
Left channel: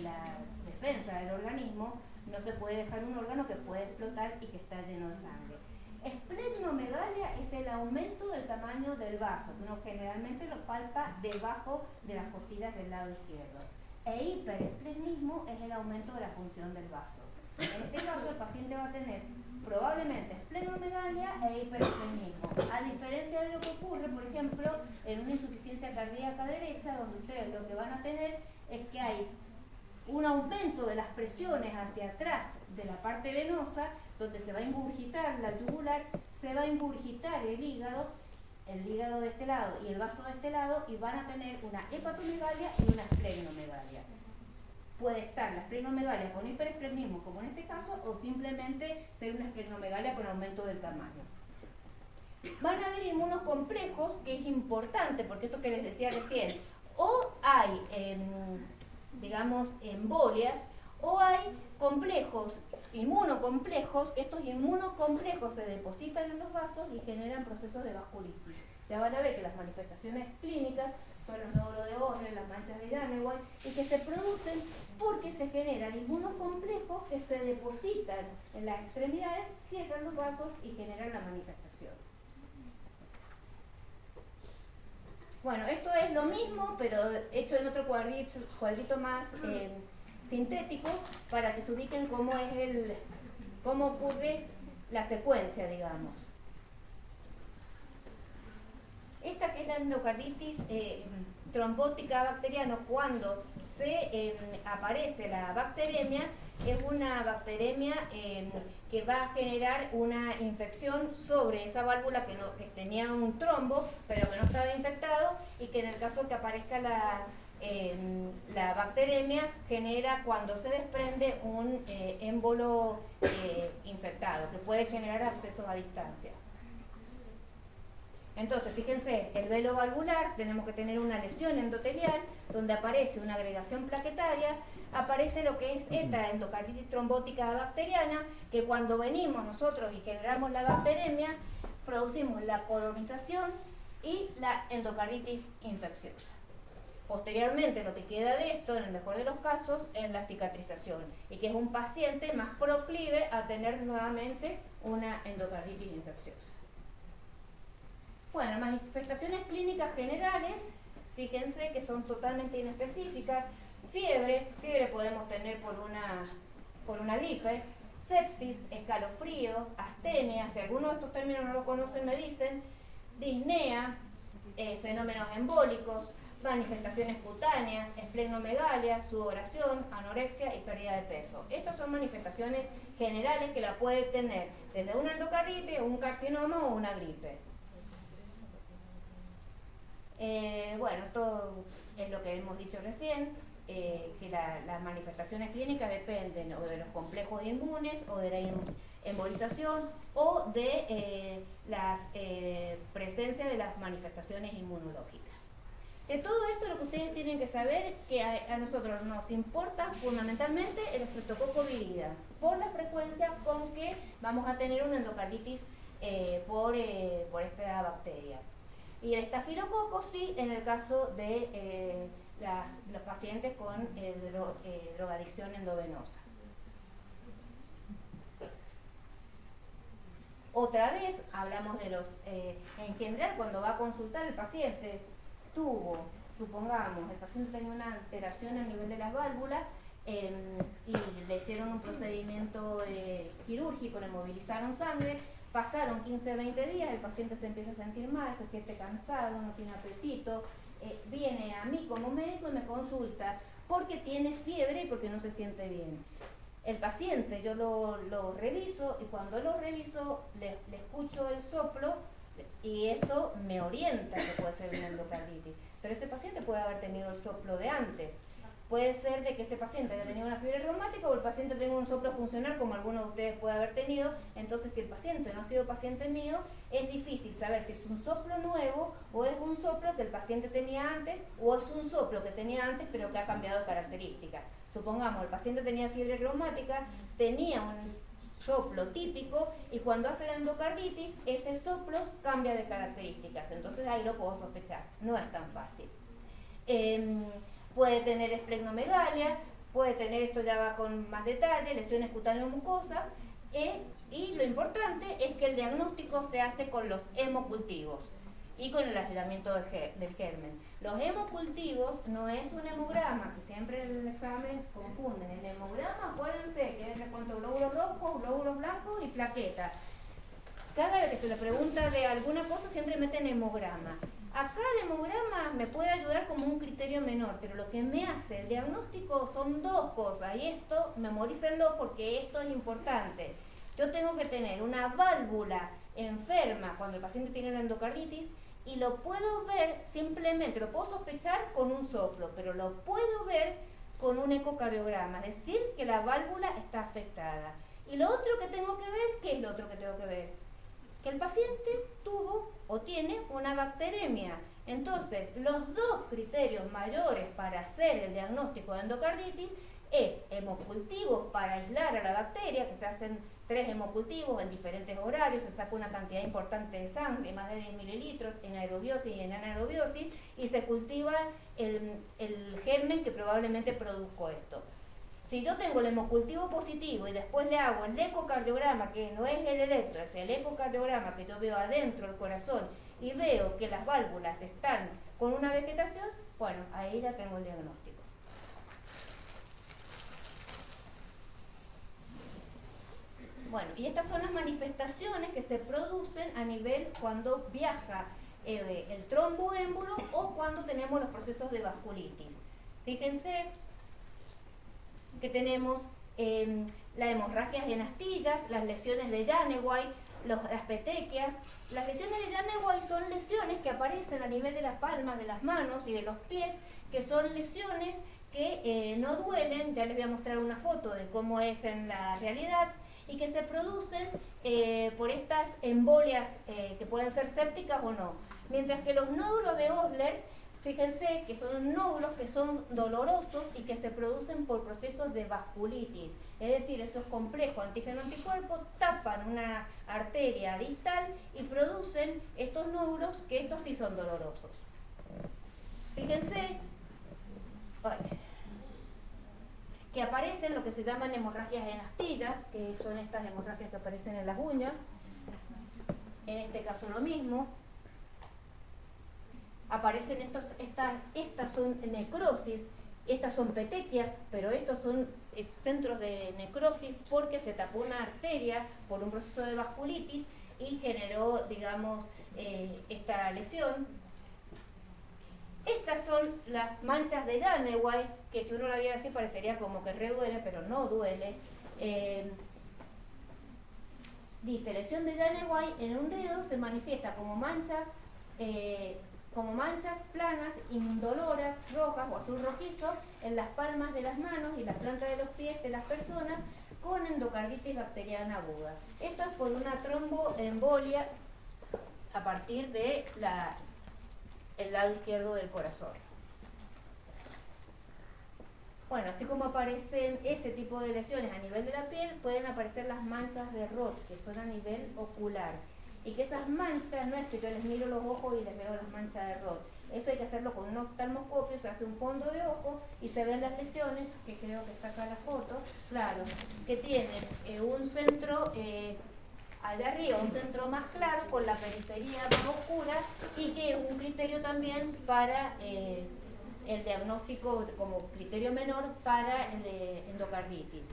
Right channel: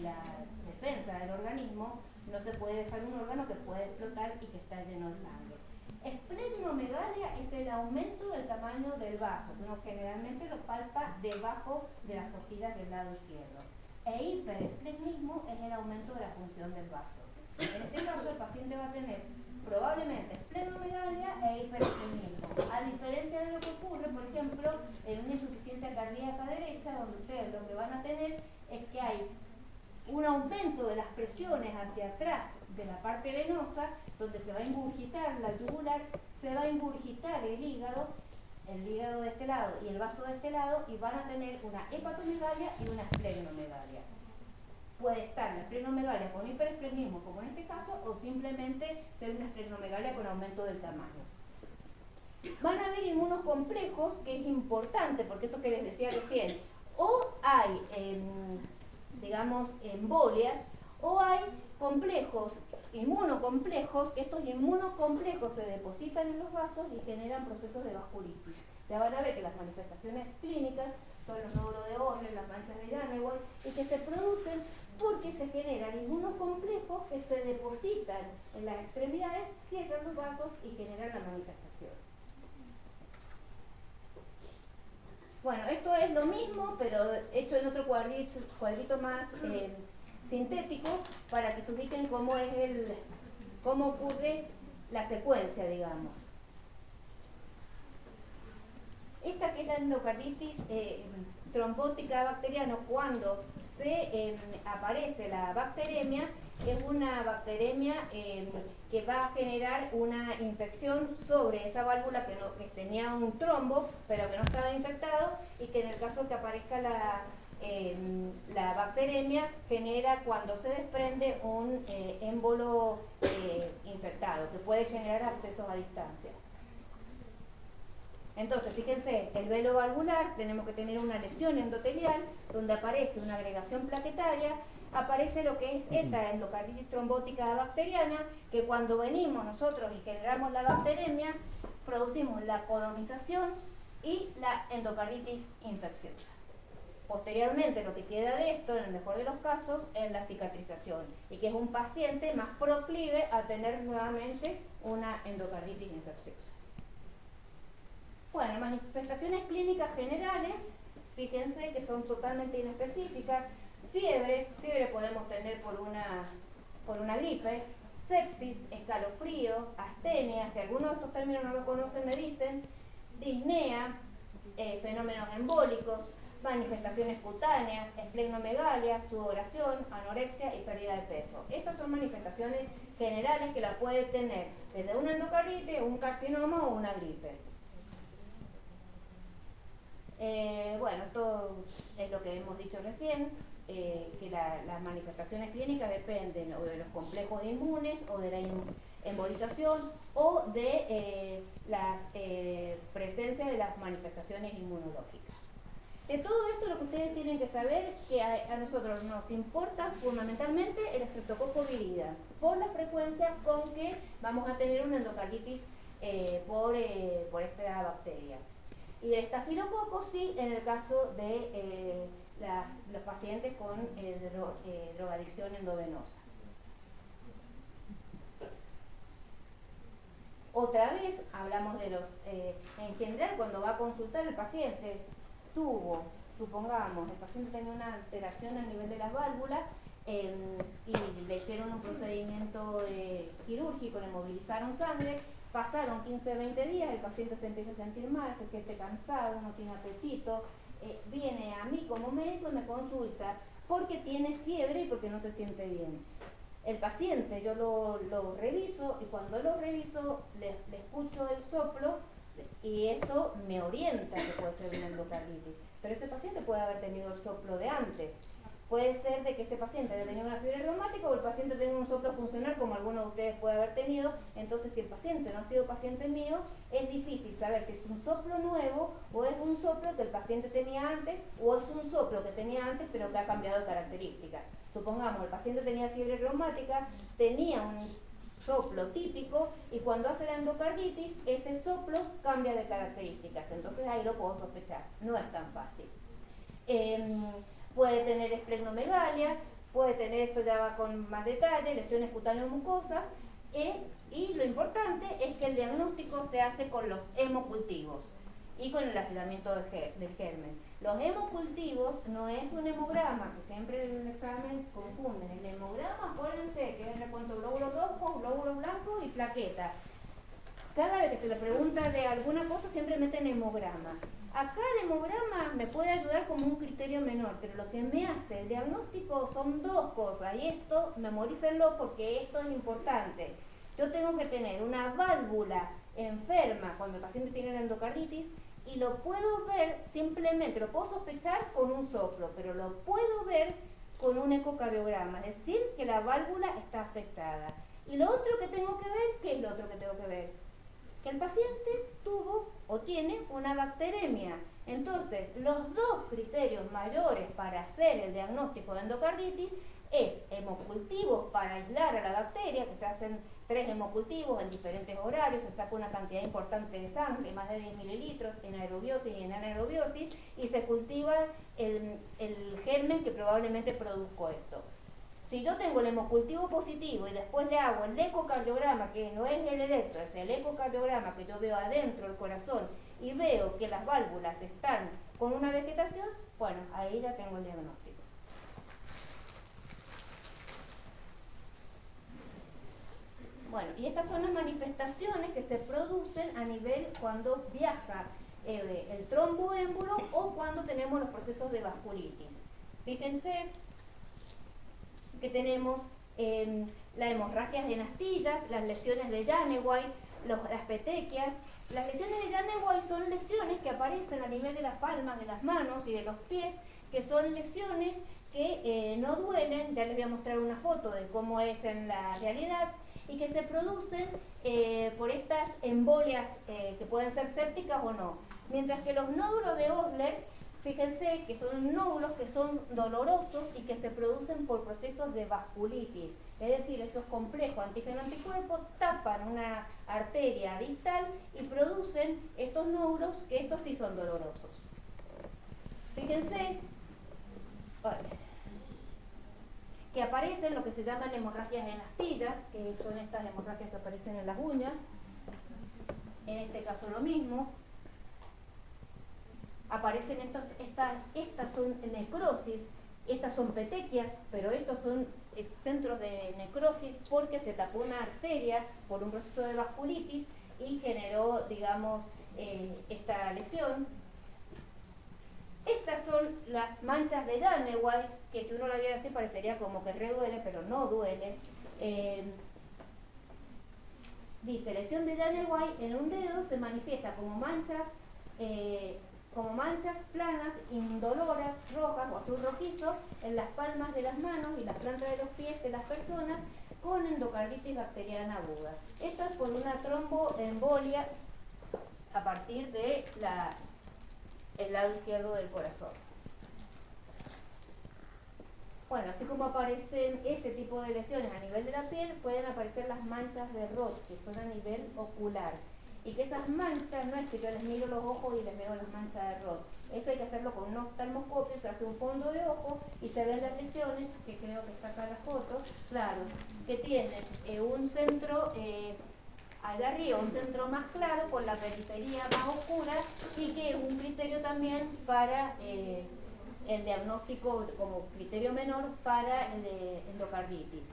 la defensa del organismo, no se puede dejar un órgano que puede explotar y que está lleno de sangre. Esplenomegalia es el aumento del tamaño del vaso, que uno generalmente lo palpa debajo de las costillas del lado izquierdo. E hiperesplenismo es el aumento de la función del vaso. En este caso, el paciente va a tener probablemente esplenomegalia e hiperestremismo. A diferencia de lo que ocurre, por ejemplo, en una insuficiencia cardíaca derecha, donde ustedes lo que van a tener es que hay un aumento de las presiones hacia atrás de la parte venosa, donde se va a ingurgitar la yugular, se va a ingurgitar el hígado de este lado y el vaso de este lado, y van a tener una hepatomegalia y una esplenomegalia. Puede estar la esplenomegalia con hiperestremismo, como en este caso, o simplemente ser una esplenomegalia con aumento del tamaño. Van a haber inmunocomplejos, que es importante, porque esto que les decía recién, o hay, digamos, embolias, o hay complejos, inmunocomplejos, que estos inmunocomplejos se depositan en los vasos y generan procesos de vasculitis. Ya van a ver que las manifestaciones clínicas son los nódulos de Ohre, las manchas de Llamewohl, y que se producen porque se generan inmunocomplejos que se depositan en las extremidades, cierran los vasos y generan la manifestación. Bueno, esto es lo mismo, pero hecho en otro cuadrito más sintético, para que se ubiquen cómo ocurre la secuencia, digamos. Esta que es la endocarditis trombótica bacteriana, cuando se aparece la bacteremia, es una bacteremia que va a generar una infección sobre esa válvula que tenía un trombo, pero que no estaba infectado, y que en el caso que aparezca la bacteremia genera, cuando se desprende, un émbolo infectado, que puede generar abscesos a distancia. Entonces, fíjense, el velo valvular, tenemos que tener una lesión endotelial donde aparece una agregación plaquetaria, aparece lo que es esta endocarditis trombótica bacteriana, que cuando venimos nosotros y generamos la bacteremia, producimos la colonización y la endocarditis infecciosa. Posteriormente, lo que queda de esto, en el mejor de los casos, es la cicatrización, y que es un paciente más proclive a tener nuevamente una endocarditis infecciosa. Bueno, manifestaciones clínicas generales, fíjense que son totalmente inespecíficas. Fiebre podemos tener por una gripe, sepsis, escalofrío, astenia, si alguno de estos términos no lo conocen me dicen, disnea, fenómenos embólicos, manifestaciones cutáneas, esplenomegalia, sudoración, anorexia y pérdida de peso. Estas son manifestaciones generales que la puede tener desde una endocarditis, un carcinoma o una gripe. Bueno, esto es lo que hemos dicho recién, que las manifestaciones clínicas dependen o de los complejos inmunes, o de la embolización, o de la presencia de las manifestaciones inmunológicas. De todo esto, lo que ustedes tienen que saber, que a nosotros nos importa fundamentalmente el Streptococcus viridans, por la frecuencia con que vamos a tener una endocarditis por esta bacteria. Y el estafilococo sí, en el caso de los pacientes con drogadicción endovenosa. Otra vez hablamos de en general, cuando va a consultar el paciente, supongamos, el paciente tiene una alteración a nivel de las válvulas, y le hicieron un procedimiento quirúrgico, le movilizaron sangre. Pasaron 15-20 días, el paciente se empieza a sentir mal, se siente cansado, no tiene apetito, viene a mí como médico y me consulta porque tiene fiebre y porque no se siente bien. El paciente, yo lo reviso, y cuando lo reviso le escucho el soplo, y eso me orienta que puede ser una endocarditis. Pero ese paciente puede haber tenido el soplo de antes. Puede ser de que ese paciente haya tenido una fiebre reumática, o el paciente tenga un soplo funcional, como alguno de ustedes puede haber tenido. Entonces, si el paciente no ha sido paciente mío, es difícil saber si es un soplo nuevo, o es un soplo que el paciente tenía antes, o es un soplo que tenía antes pero que ha cambiado de características. Supongamos, el paciente tenía fiebre reumática, tenía un soplo típico, y cuando hace la endocarditis, ese soplo cambia de características. Entonces ahí lo puedo sospechar. No es tan fácil. Puede tener esplenomegalia, puede tener, esto ya va con más detalle, lesiones cutáneo-mucosas, y lo importante es que el diagnóstico se hace con los hemocultivos. y con el aislamiento del germen. Los hemocultivos no es un hemograma, que siempre en el examen confunden. El hemograma, acuérdense que les cuento glóbulos rojos, glóbulos blancos y plaquetas. Cada vez que se le pregunta de alguna cosa siempre meten hemograma. Acá el hemograma me puede ayudar como un criterio menor, pero lo que me hace el diagnóstico son dos cosas, y esto memorícenlo porque esto es importante. Yo tengo que tener una válvula enferma cuando el paciente tiene una endocarditis y lo puedo ver simplemente, lo puedo sospechar con un soplo, pero lo puedo ver con un ecocardiograma, es decir, que la válvula está afectada. Y lo otro que tengo que ver, ¿qué es lo otro que tengo que ver? Que el paciente tuvo o tiene una bacteremia. Entonces, los dos criterios mayores para hacer el diagnóstico de endocarditis es hemocultivos para aislar a la bacteria, que se hacen 3 hemocultivos en diferentes horarios, se saca una cantidad importante de sangre, más de 10 mililitros, en aerobiosis y en anaerobiosis, y se cultiva el germen que probablemente produjo esto. Si yo tengo el hemocultivo positivo y después le hago el ecocardiograma, que no es el electro, es el ecocardiograma que yo veo adentro del corazón y veo que las válvulas están con una vegetación, bueno, ahí ya tengo el diagnóstico. Bueno, y estas son las manifestaciones que se producen a nivel cuando viaja el tromboémbolo o cuando tenemos los procesos de vasculitis. Fíjense que tenemos las hemorragias en astillas, las lesiones de Janeway, las petequias. Las lesiones de Janeway son lesiones que aparecen a nivel de las palmas de las manos y de los pies, que son lesiones que no duelen, ya les voy a mostrar una foto de cómo es en la realidad, y que se producen por estas embolias que pueden ser sépticas o no. Mientras que los nódulos de Osler, fíjense que son nódulos que son dolorosos y que se producen por procesos de vasculitis. Es decir, esos complejos antígeno-anticuerpo tapan una arteria distal y producen estos nódulos que estos sí son dolorosos. Fíjense que aparecen lo que se llaman hemorragias en astillas, que son estas hemorragias que aparecen en las uñas. En este caso lo mismo. Aparecen estas son necrosis, estas son petequias, pero estos son centros de necrosis porque se tapó una arteria por un proceso de vasculitis y generó, digamos, esta lesión. Estas son las manchas de Janeway, que si uno la viera así parecería como que duele, pero no duele. Dice, lesión de Janeway en un dedo se manifiesta como manchas planas, indoloras, rojas o azul rojizo en las palmas de las manos y las plantas de los pies de las personas con endocarditis bacteriana aguda. Esto es por una tromboembolia a partir de el lado izquierdo del corazón. Bueno, así como aparecen ese tipo de lesiones a nivel de la piel, pueden aparecer las manchas de Roth, que son a nivel ocular. Y que esas manchas, no es que yo les miro los ojos y les veo las manchas de Roth. Eso hay que hacerlo con un oftalmoscopio, se hace un fondo de ojo y se ven las lesiones, que creo que está acá la foto, claro, que tienen un centro allá arriba, un centro más claro con la periferia más oscura y que es un criterio también para el diagnóstico como criterio menor para el endocarditis.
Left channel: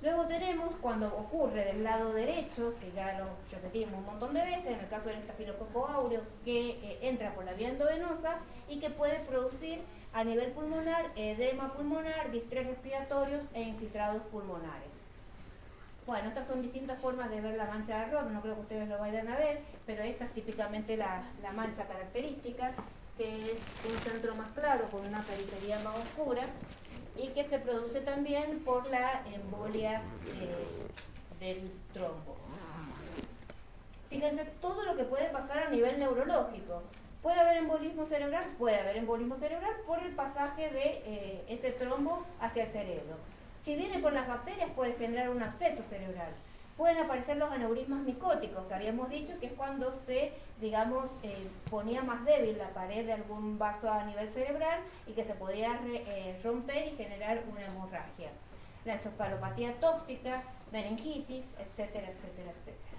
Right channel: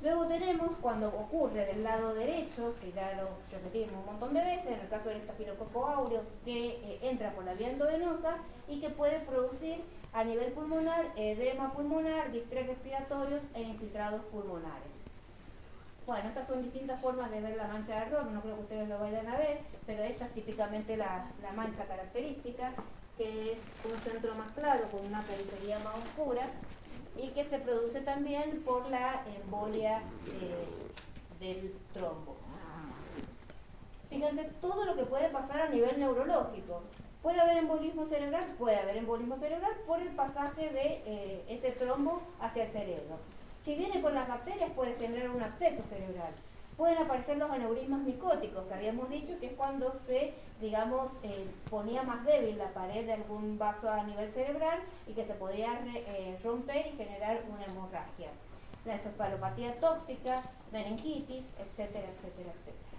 Luego tenemos cuando ocurre del lado derecho, que ya lo repetimos un montón de veces, en el caso del estafilococo áureo, que entra por la vía endovenosa y que puede producir a nivel pulmonar edema pulmonar, distrés respiratorios e infiltrados pulmonares. Bueno, estas son distintas formas de ver la mancha de Roth, no creo que ustedes lo vayan a ver, pero esta es típicamente la mancha característica, que es un centro más claro con una periferia más oscura, y que se produce también por la embolia del trombo. Fíjense todo lo que puede pasar a nivel neurológico. ¿Puede haber embolismo cerebral? Puede haber embolismo cerebral por el pasaje de ese trombo hacia el cerebro. Si viene por las bacterias puede generar un absceso cerebral. Pueden aparecer los aneurismas micóticos, que habíamos dicho que es cuando se, digamos, ponía más débil la pared de algún vaso a nivel cerebral y que se podía romper y generar una hemorragia. La encefalopatía tóxica, meningitis, etcétera, etcétera, etcétera.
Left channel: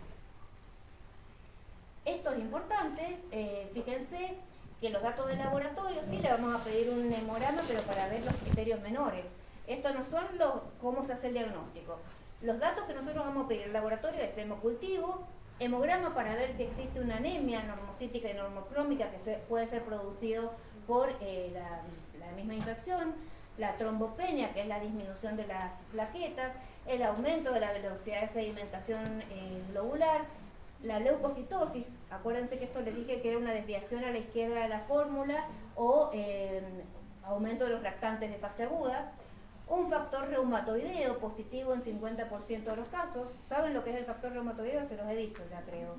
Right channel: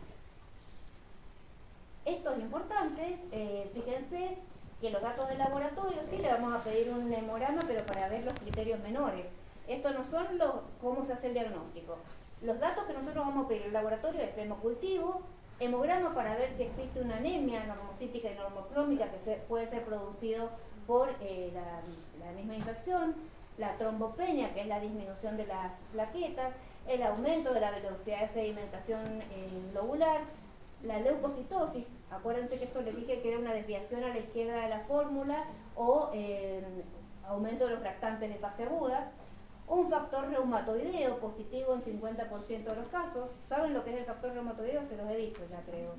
Esto es importante, Fíjense que los datos del laboratorio sí le vamos a pedir un hemograma, pero para ver los criterios menores. Estos no son cómo se hace el diagnóstico. Los datos que nosotros vamos a pedir al laboratorio es hemocultivo, hemograma para ver si existe una anemia normocítica y normocrómica que puede ser producido por la misma infección, la trombopenia, que es la disminución de las plaquetas, el aumento de la velocidad de sedimentación globular, la leucocitosis, acuérdense que esto les dije que era una desviación a la izquierda de la fórmula, o aumento de los reactantes de fase aguda, un factor reumatoideo positivo en 50% de los casos. ¿Saben lo que es el factor reumatoideo? Se los he dicho ya, creo.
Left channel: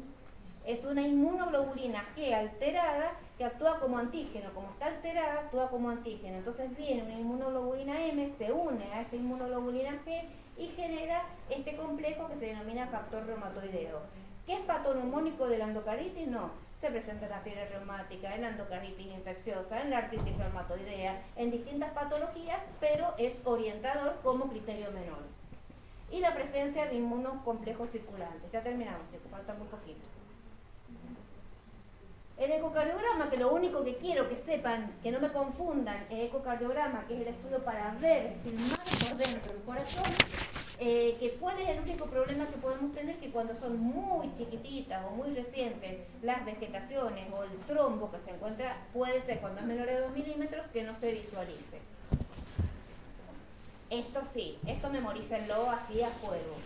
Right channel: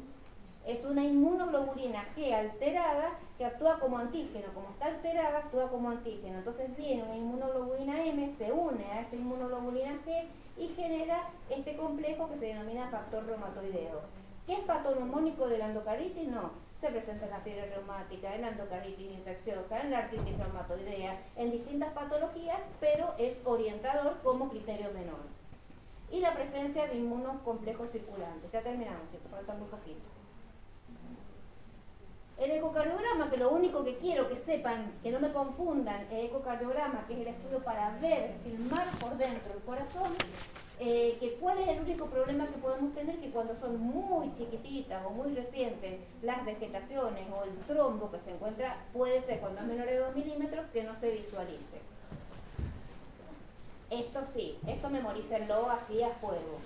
Es una inmunoglobulina G alterada que actúa como antígeno. Como está alterada, actúa como antígeno. Entonces viene una inmunoglobulina M, se une a esa inmunoglobulina G y genera este complejo que se denomina factor reumatoideo. ¿Qué es patognomónico de la endocardititis? No. Se presenta en la fiebre reumática, en la endocardititis infecciosa, en la artritis reumatoidea, en distintas patologías, pero es orientador como criterio menor. Y la presencia de inmunocomplejos circulantes. Ya terminamos, chicos, falta muy poquito. El ecocardiograma, que lo único que quiero que sepan, que no me confundan, el ecocardiograma, que es el estudio para ver, filmar por dentro el corazón, que cuál es el único problema que podemos tener, que cuando son muy chiquititas o muy recientes las vegetaciones o el trombo que se encuentra, puede ser cuando es menor de 2 milímetros que no se visualice. Esto sí, esto memorícenlo así a fuego.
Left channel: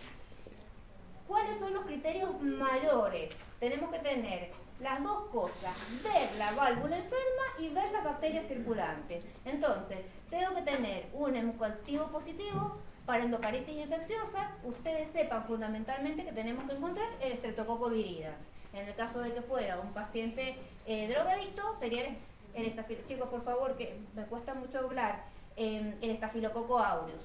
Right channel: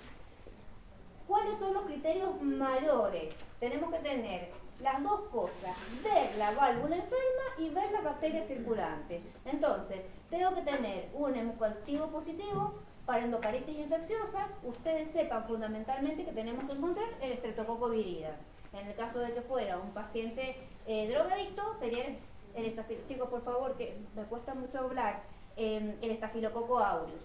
¿Cuáles son los criterios mayores? Tenemos que tener las dos cosas, ver la válvula enferma y ver las bacterias circulantes. Entonces, tengo que tener un hemocultivo positivo para endocardititis infecciosa. Ustedes sepan fundamentalmente que tenemos que encontrar el Streptococcus viridis. En el caso de que fuera un paciente drogadicto, sería el estafilococo, chicos, por favor, que me cuesta mucho hablar, el estafilococo aureus.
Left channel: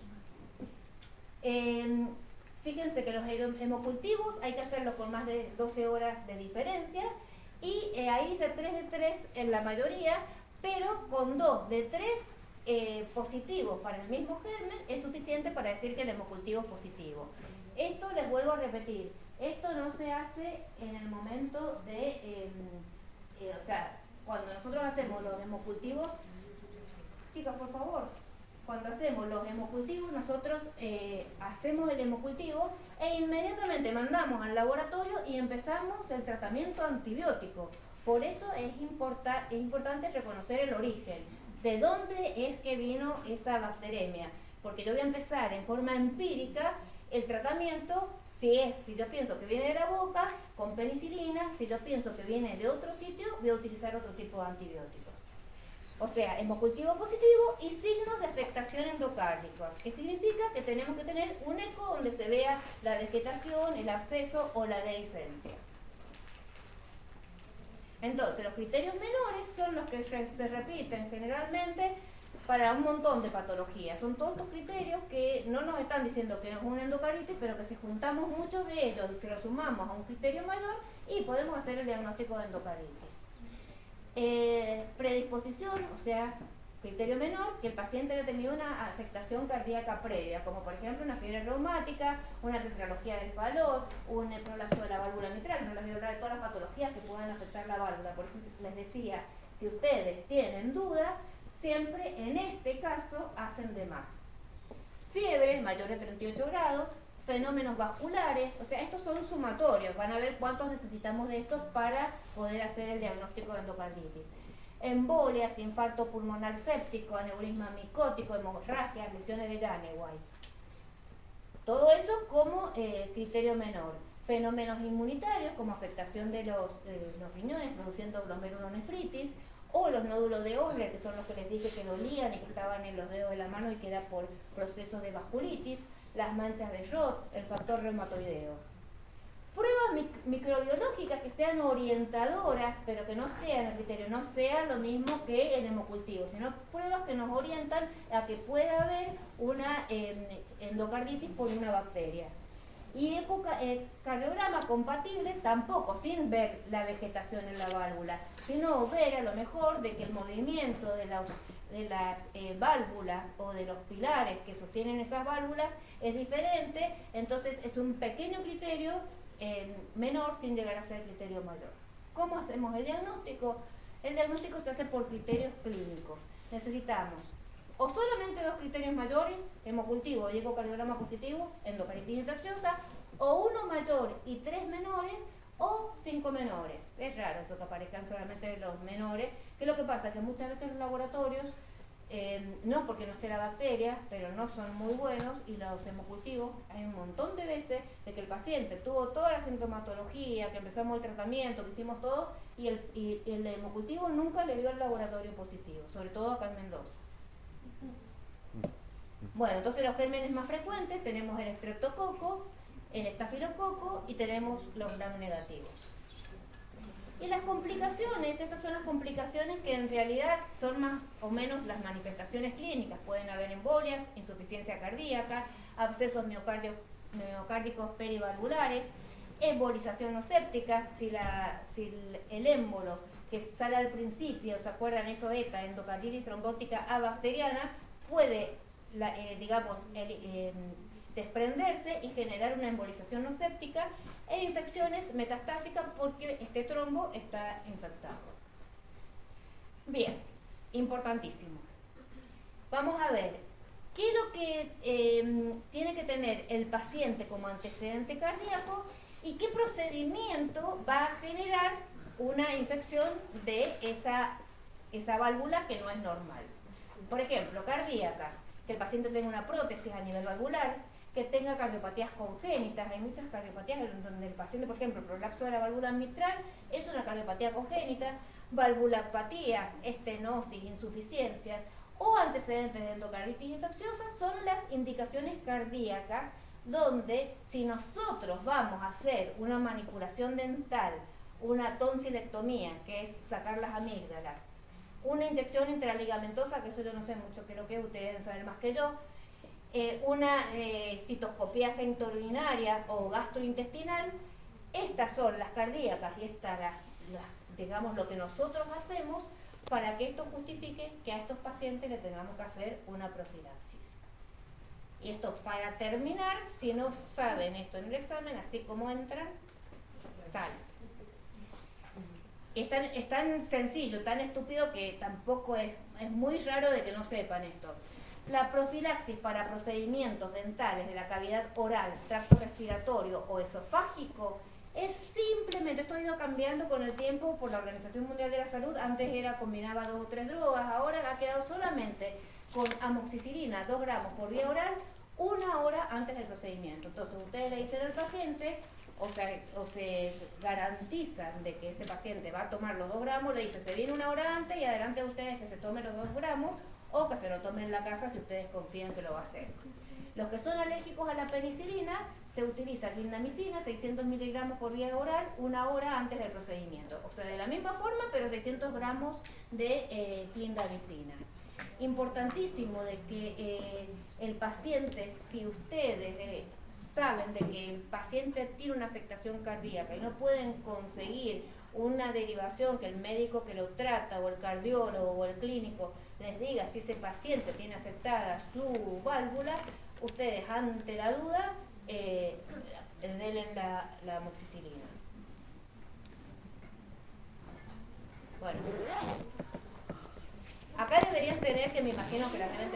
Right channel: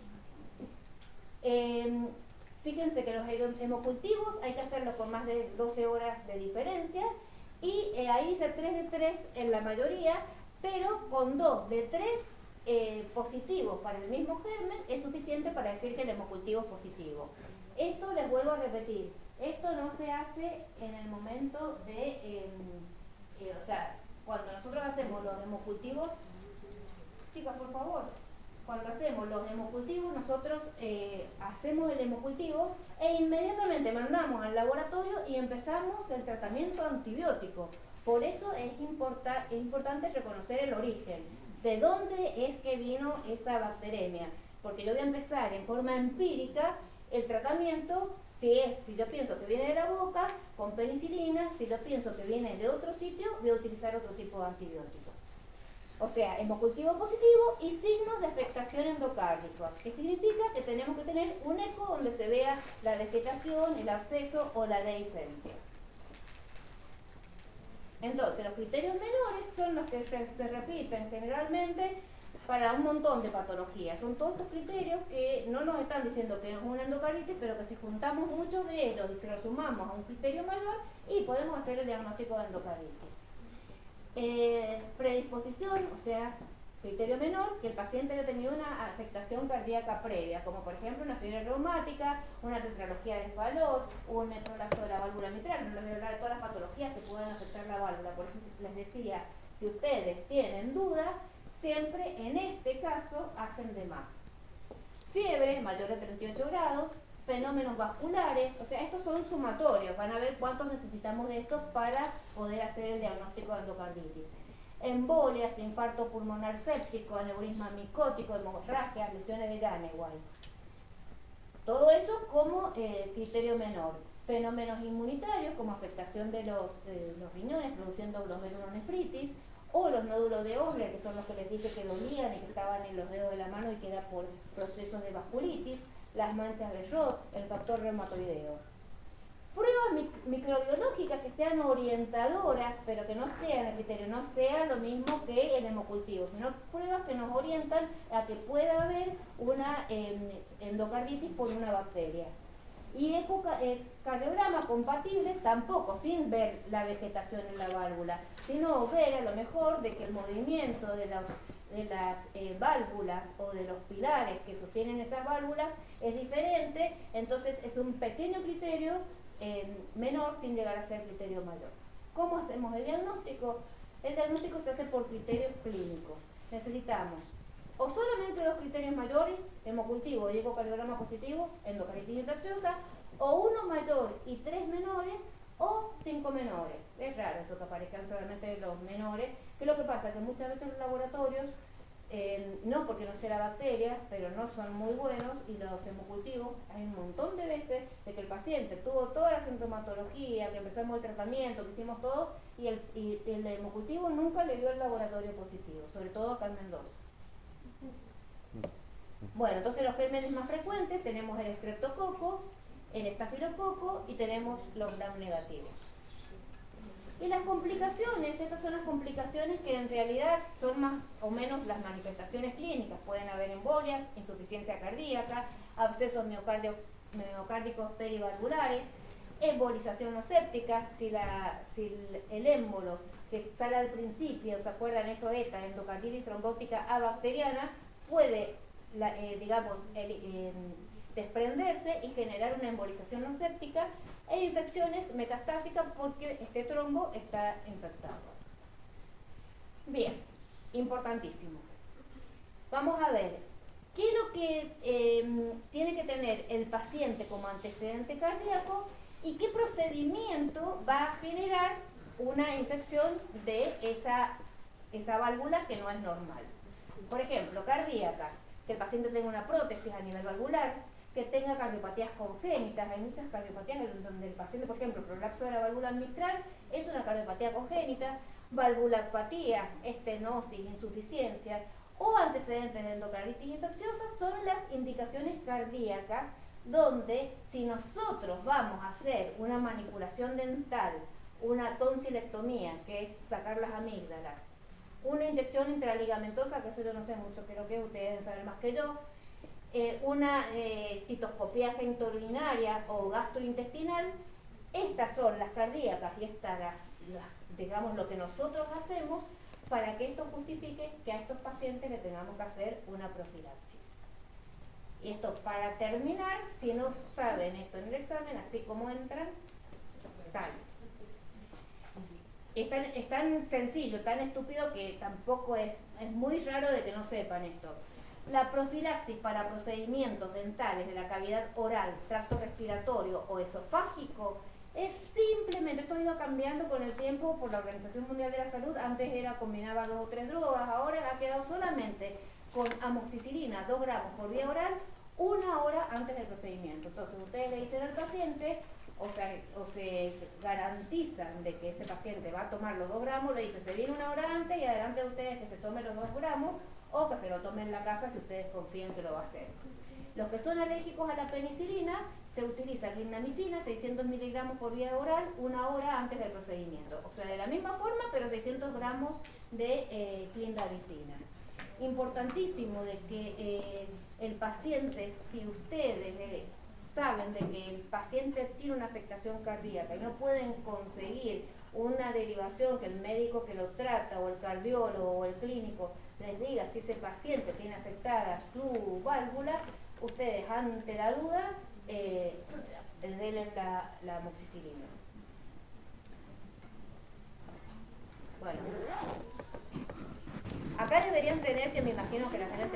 Fíjense que los hemocultivos hay que hacerlo con más de 12 horas de diferencia, y ahí dice 3 de 3 en la mayoría, pero con 2 de 3 positivos para el mismo germen es suficiente para decir que el hemocultivo es positivo. Esto les vuelvo a repetir, esto no se hace en el momento de, o sea, cuando nosotros hacemos los hemocultivos, chicas por favor, cuando hacemos los hemocultivos, nosotros hacemos el hemocultivo e inmediatamente mandamos al laboratorio y empezamos el tratamiento antibiótico. Por eso es importante reconocer el origen. ¿De dónde es que vino esa bacteremia? Porque yo voy a empezar en forma empírica el tratamiento. Si yo pienso que viene de la boca, con penicilina. Si yo pienso que viene de otro sitio, voy a utilizar otro tipo de antibiótico. O sea, hemocultivo positivo y signos de afectación endocárdica, que significa que tenemos que tener un eco donde se vea la vegetación, el absceso o la dehiscencia. Entonces, los criterios menores son los que se repiten generalmente para un montón de patologías. Son todos estos criterios que no nos están diciendo que es una endocarditis, pero que si juntamos muchos de ellos y se los sumamos a un criterio mayor, y podemos hacer el diagnóstico de endocarditis. Predisposición, o sea, criterio menor, que el paciente haya tenido una afectación cardíaca previa, como por ejemplo una fiebre reumática, una tetralogía de Fallot, un prolapso de la válvula mitral. No les voy a hablar de todas las patologías que pueden afectar la válvula, por eso les decía, si ustedes tienen dudas, siempre en este caso hacen de más. Fiebre mayor de 38 grados, fenómenos vasculares, o sea, estos son sumatorios, van a ver cuántos necesitamos de estos para poder hacer el diagnóstico de endocarditis. Embolias, infarto pulmonar séptico, aneurisma micótico, hemorragias, lesiones de Janeway. Todo eso como criterio menor. Fenómenos inmunitarios como afectación de los riñones produciendo glomerulonefritis, o los nódulos de Osler, que son los que les dije que dolían y que estaban en los dedos de la mano y que era por procesos de vasculitis, las manchas de Roth, el factor reumatoideo. Pruebas microbiológicas que sean orientadoras, pero que no sean el criterio, no sea lo mismo que el hemocultivo, sino pruebas que nos orientan a que pueda haber una endocarditis por una bacteria. Y ecocardiograma compatible tampoco, sin ver la vegetación en la válvula, sino ver a lo mejor de que el movimiento de las válvulas o de los pilares que sostienen esas válvulas es diferente. Entonces es un pequeño criterio menor sin llegar a ser criterio mayor. ¿Cómo hacemos el diagnóstico? El diagnóstico se hace por criterios clínicos. Necesitamos o solamente 2 criterios mayores, hemocultivo y ecocardiograma positivo, endocardititis infecciosa, o 1 mayor y 3 menores, o 5 menores. Es raro eso que aparezcan solamente los menores, que lo que pasa es que muchas veces los laboratorios, no porque no esté la bacteria, pero no son muy buenos, y los hemocultivos, hay un montón de veces de que el paciente tuvo toda la sintomatología, que empezamos el tratamiento, que hicimos todo, y el hemocultivo nunca le dio el laboratorio positivo, sobre todo acá en Mendoza. Bueno, entonces los gérmenes más frecuentes tenemos el estreptococo, el estafilococo y tenemos los gram negativos. Y las complicaciones, estas son las complicaciones que en realidad son más o menos las manifestaciones clínicas. Pueden haber embolias, insuficiencia cardíaca, abscesos miocárdicos perivalvulares, embolización no séptica, si el émbolo que sale al principio, ¿se acuerdan eso? ETA, endocarditis trombótica abacteriana, puede, desprenderse y generar una embolización no séptica e infecciones metastásicas porque este trombo está infectado. Bien, importantísimo. Vamos a ver, ¿qué es lo que tiene que tener el paciente como antecedente cardíaco y qué procedimiento va a generar una infección de esa válvula que no es normal? Por ejemplo, cardíacas, que el paciente tenga una prótesis a nivel valvular, que tenga cardiopatías congénitas. Hay muchas cardiopatías en donde el paciente, por ejemplo, prolapso de la válvula mitral es una cardiopatía congénita, valvulopatías, estenosis, insuficiencia o antecedentes de endocarditis infecciosa son las indicaciones cardíacas donde si nosotros vamos a hacer una manipulación dental, una tonsilectomía, que es sacar las amígdalas, una inyección intraligamentosa, que eso yo no sé mucho, creo que ustedes deben saber más que yo, una citoscopía genitourinaria o gastrointestinal, estas son las cardíacas y estas digamos lo que nosotros hacemos para que esto justifique que a estos pacientes le tengamos que hacer una profilaxis. Y esto para terminar, si no saben esto en el examen, así como entran, salen. Es tan sencillo, tan estúpido que tampoco es muy raro de que no sepan esto. La profilaxis para procedimientos dentales de la cavidad oral, tracto respiratorio o esofágico es simplemente, esto ha ido cambiando con el tiempo por la Organización Mundial de la Salud. Antes combinaba 2 o 3 drogas, ahora ha quedado solamente con amoxicilina 2 gramos por vía oral 1 hora antes del procedimiento. Entonces ustedes le dicen al paciente, o se garantizan de que ese paciente va a tomar los 2 gramos, le dice se viene 1 hora antes y adelante de ustedes que se tomen los 2 gramos o que se lo tomen en la casa si ustedes confían que lo va a hacer. Los que son alérgicos a la penicilina, se utiliza clindamicina, 600 miligramos por vía oral, 1 hora antes del procedimiento. O sea, de la misma forma, pero 600 gramos de clindamicina. Importantísimo de que el paciente, si ustedes saben de que el paciente tiene una afectación cardíaca y no pueden conseguir una derivación que el médico que lo trata o el cardiólogo o el clínico les diga si ese paciente tiene afectada su válvula, ustedes ante la duda denle la amoxicilina. Bueno, acá deberían tener, que me imagino que la gente